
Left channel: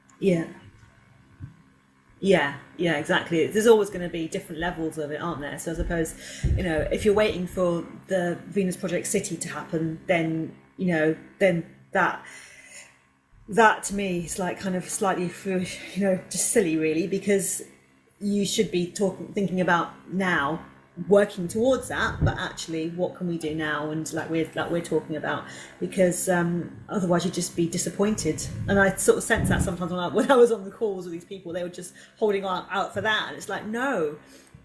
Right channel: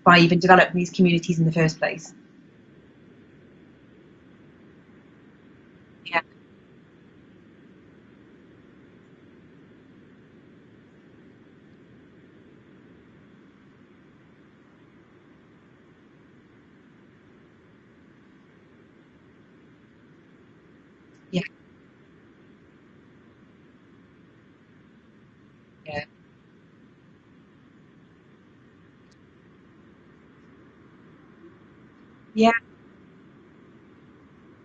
by even developing these communities in the first place. Yeah, exactly. There's always going to be different levels of it, aren't there? So I suppose, you know, if you're waiting for the Venus Project City to happen, then, you know, then that to me is like kind of slightly, you know, just silly really, because you should be thinking about now, working towards that, but actually what can we do now, and like we're talking about, because otherwise you'd just be disappointed. And I sort of sense that sometimes when I was on the calls with these people, they were just holding out for that, and it's like, no,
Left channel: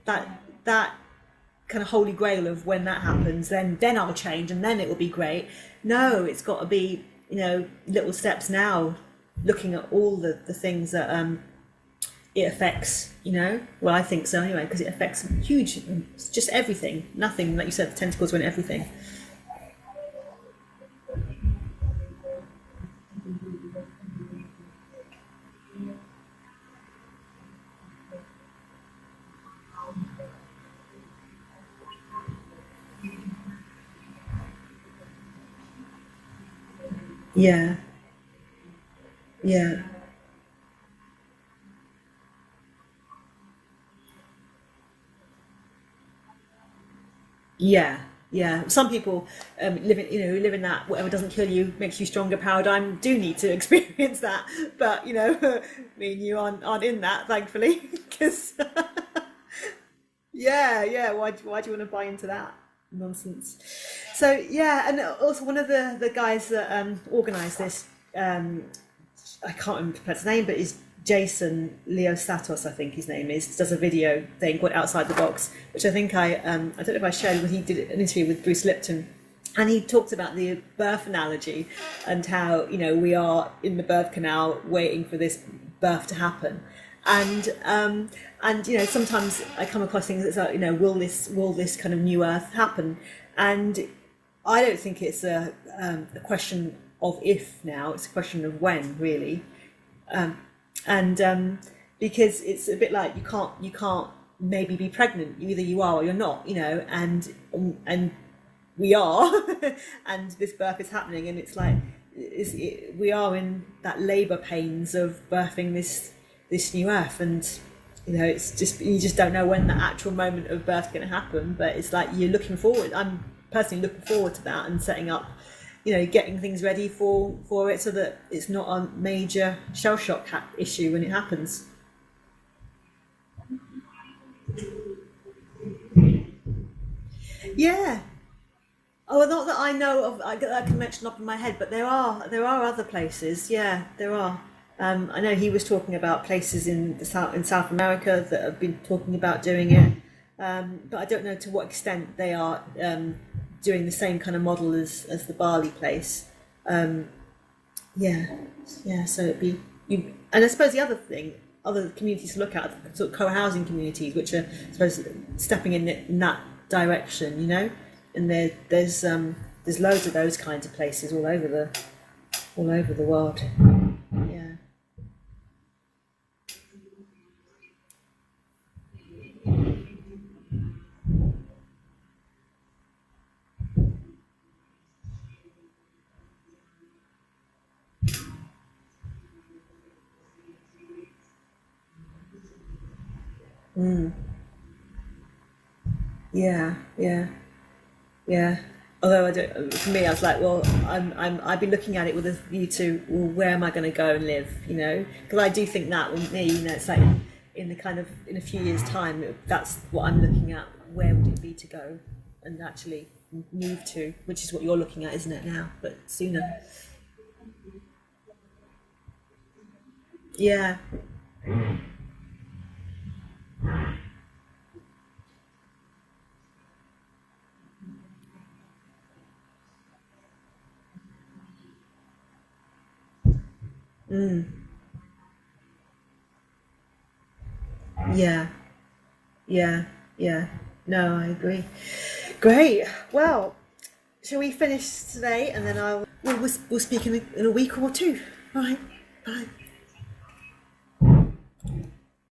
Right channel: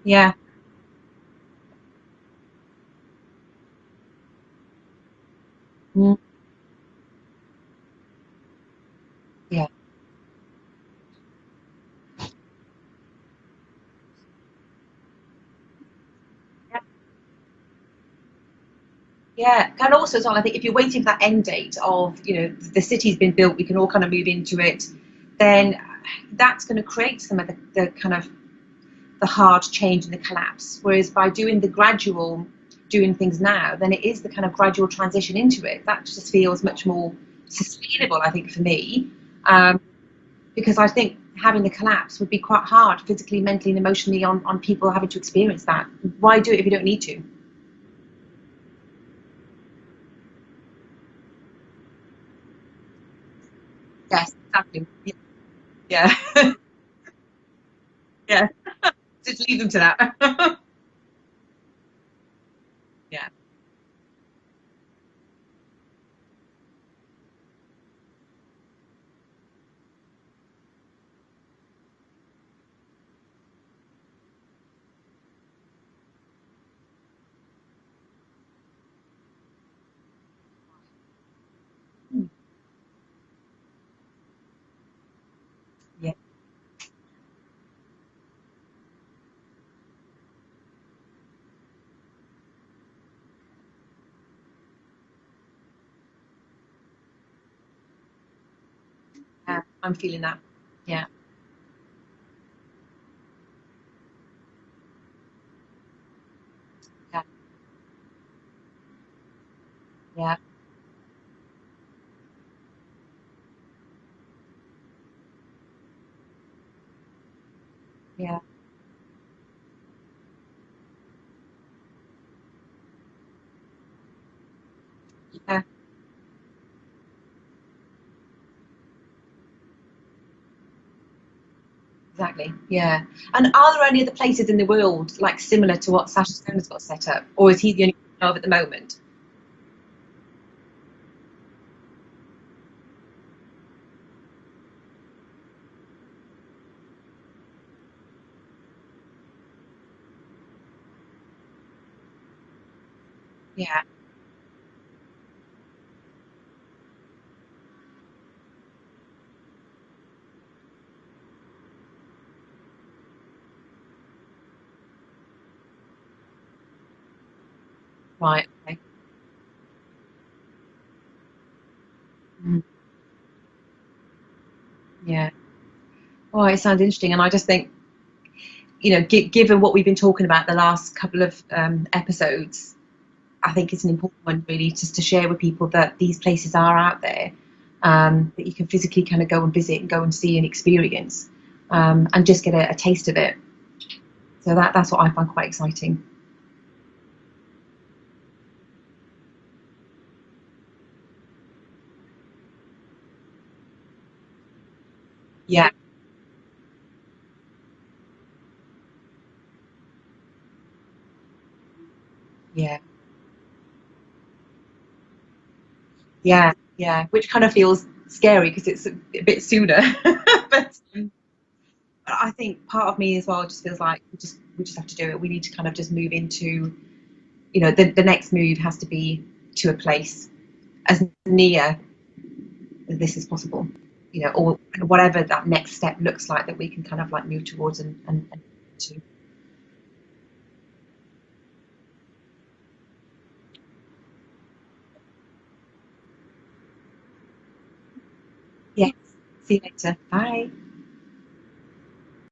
that kind of holy grail of when that happens, then I'll change and then it will be great. No, it's got to be, you know, little steps now, looking at all the things that it affects, you know. Well, I think so anyway, because it affects just everything. Nothing, like you said, the tentacles went everything. Yeah, and also as well, I think if you're waiting for that end date of, you know, the city's been built, we can all kind of move into it, then that's going to create some of the kind of the hard change and the collapse. Whereas by doing the gradual, doing things now, then it is the kind of gradual transition into it. That just feels much more sustainable, I think, for me. Because I think having the collapse would be quite hard physically, mentally and emotionally on people having to experience that. Why do it if you don't need to? Some people live in that whatever doesn't kill you makes you stronger paradigm do need to experience that. Exactly. But you know, you aren't in that, thankfully. Just leave them to that. Why do you want to buy into that nonsense? So and also one of the guys that organised this, I can't remember his name, but is Jason Leosatos, I think his name is, does a video thing called Outside the Box, which I think I don't know if I shared when he did an interview with Bruce Lipton, and he talked about the birth analogy and how, you know, we are in the birth canal waiting for this birth to happen, and you know, sometimes I come across things that's like, you know, will this kind of new earth happen? And I don't think it's a question of if now, it's a question of when, really. I'm feeling that. And because it's a bit like you can't maybe be pregnant. Either you are or you're not, you know. And and we are, and Yeah. this birth is happening, and it's like we are in that labour pains of birthing this new earth, and you know, it's just, you just don't know when the actual moment of birth is going to happen, but it's like you're looking forward. I'm personally looking forward to that, and setting up, you know, getting things ready for it, so that it's not a major shell shock issue when it happens. Exactly. Yeah. And are there any other places in the world like similar to what Sasha Stone's got set up, or is he the only one of at the moment? Oh, not that I know of. I can mention up in my head, but there are other places. Yeah, there are. I know he was talking about places in South America that have been talking about doing it, but I don't know to what extent they are doing the same kind of model as the Bali place. So it'd be and I suppose the other thing, other communities to look at, sort of co-housing communities, which are, I suppose, stepping in that direction, you know. And there's loads of those kinds of places all over the world. Yeah. Oh, it sounds interesting, and I just think, you know, given what we've been talking about the last couple of episodes, I think it's an important one really just to share with people that these places are out there, that you can physically kind of go and visit and go and see and experience, and just get a taste of it. So that's what I find quite exciting. Yeah. Although for me, I was like, well, I've been looking at it with a view to, well, where am I going to go and live? You know, because I do think that with me, you know, it's like in a few years' time, that's what I'm looking at. Where would it be to go and actually move to? Which is what you're looking at, isn't it now? But yeah, which kind of feels scary because it's a bit sooner. Yeah. But I think part of me as well just feels like we just have to do it. We need to kind of just move into, you know, the next move has to be to a place as near as this is possible, you know, or whatever that next step looks like that we can kind of like move towards and No, I agree. Great. Well, shall we finish today, and then we'll speak in a week or two. Right. Yeah. Bye. See you later. Bye.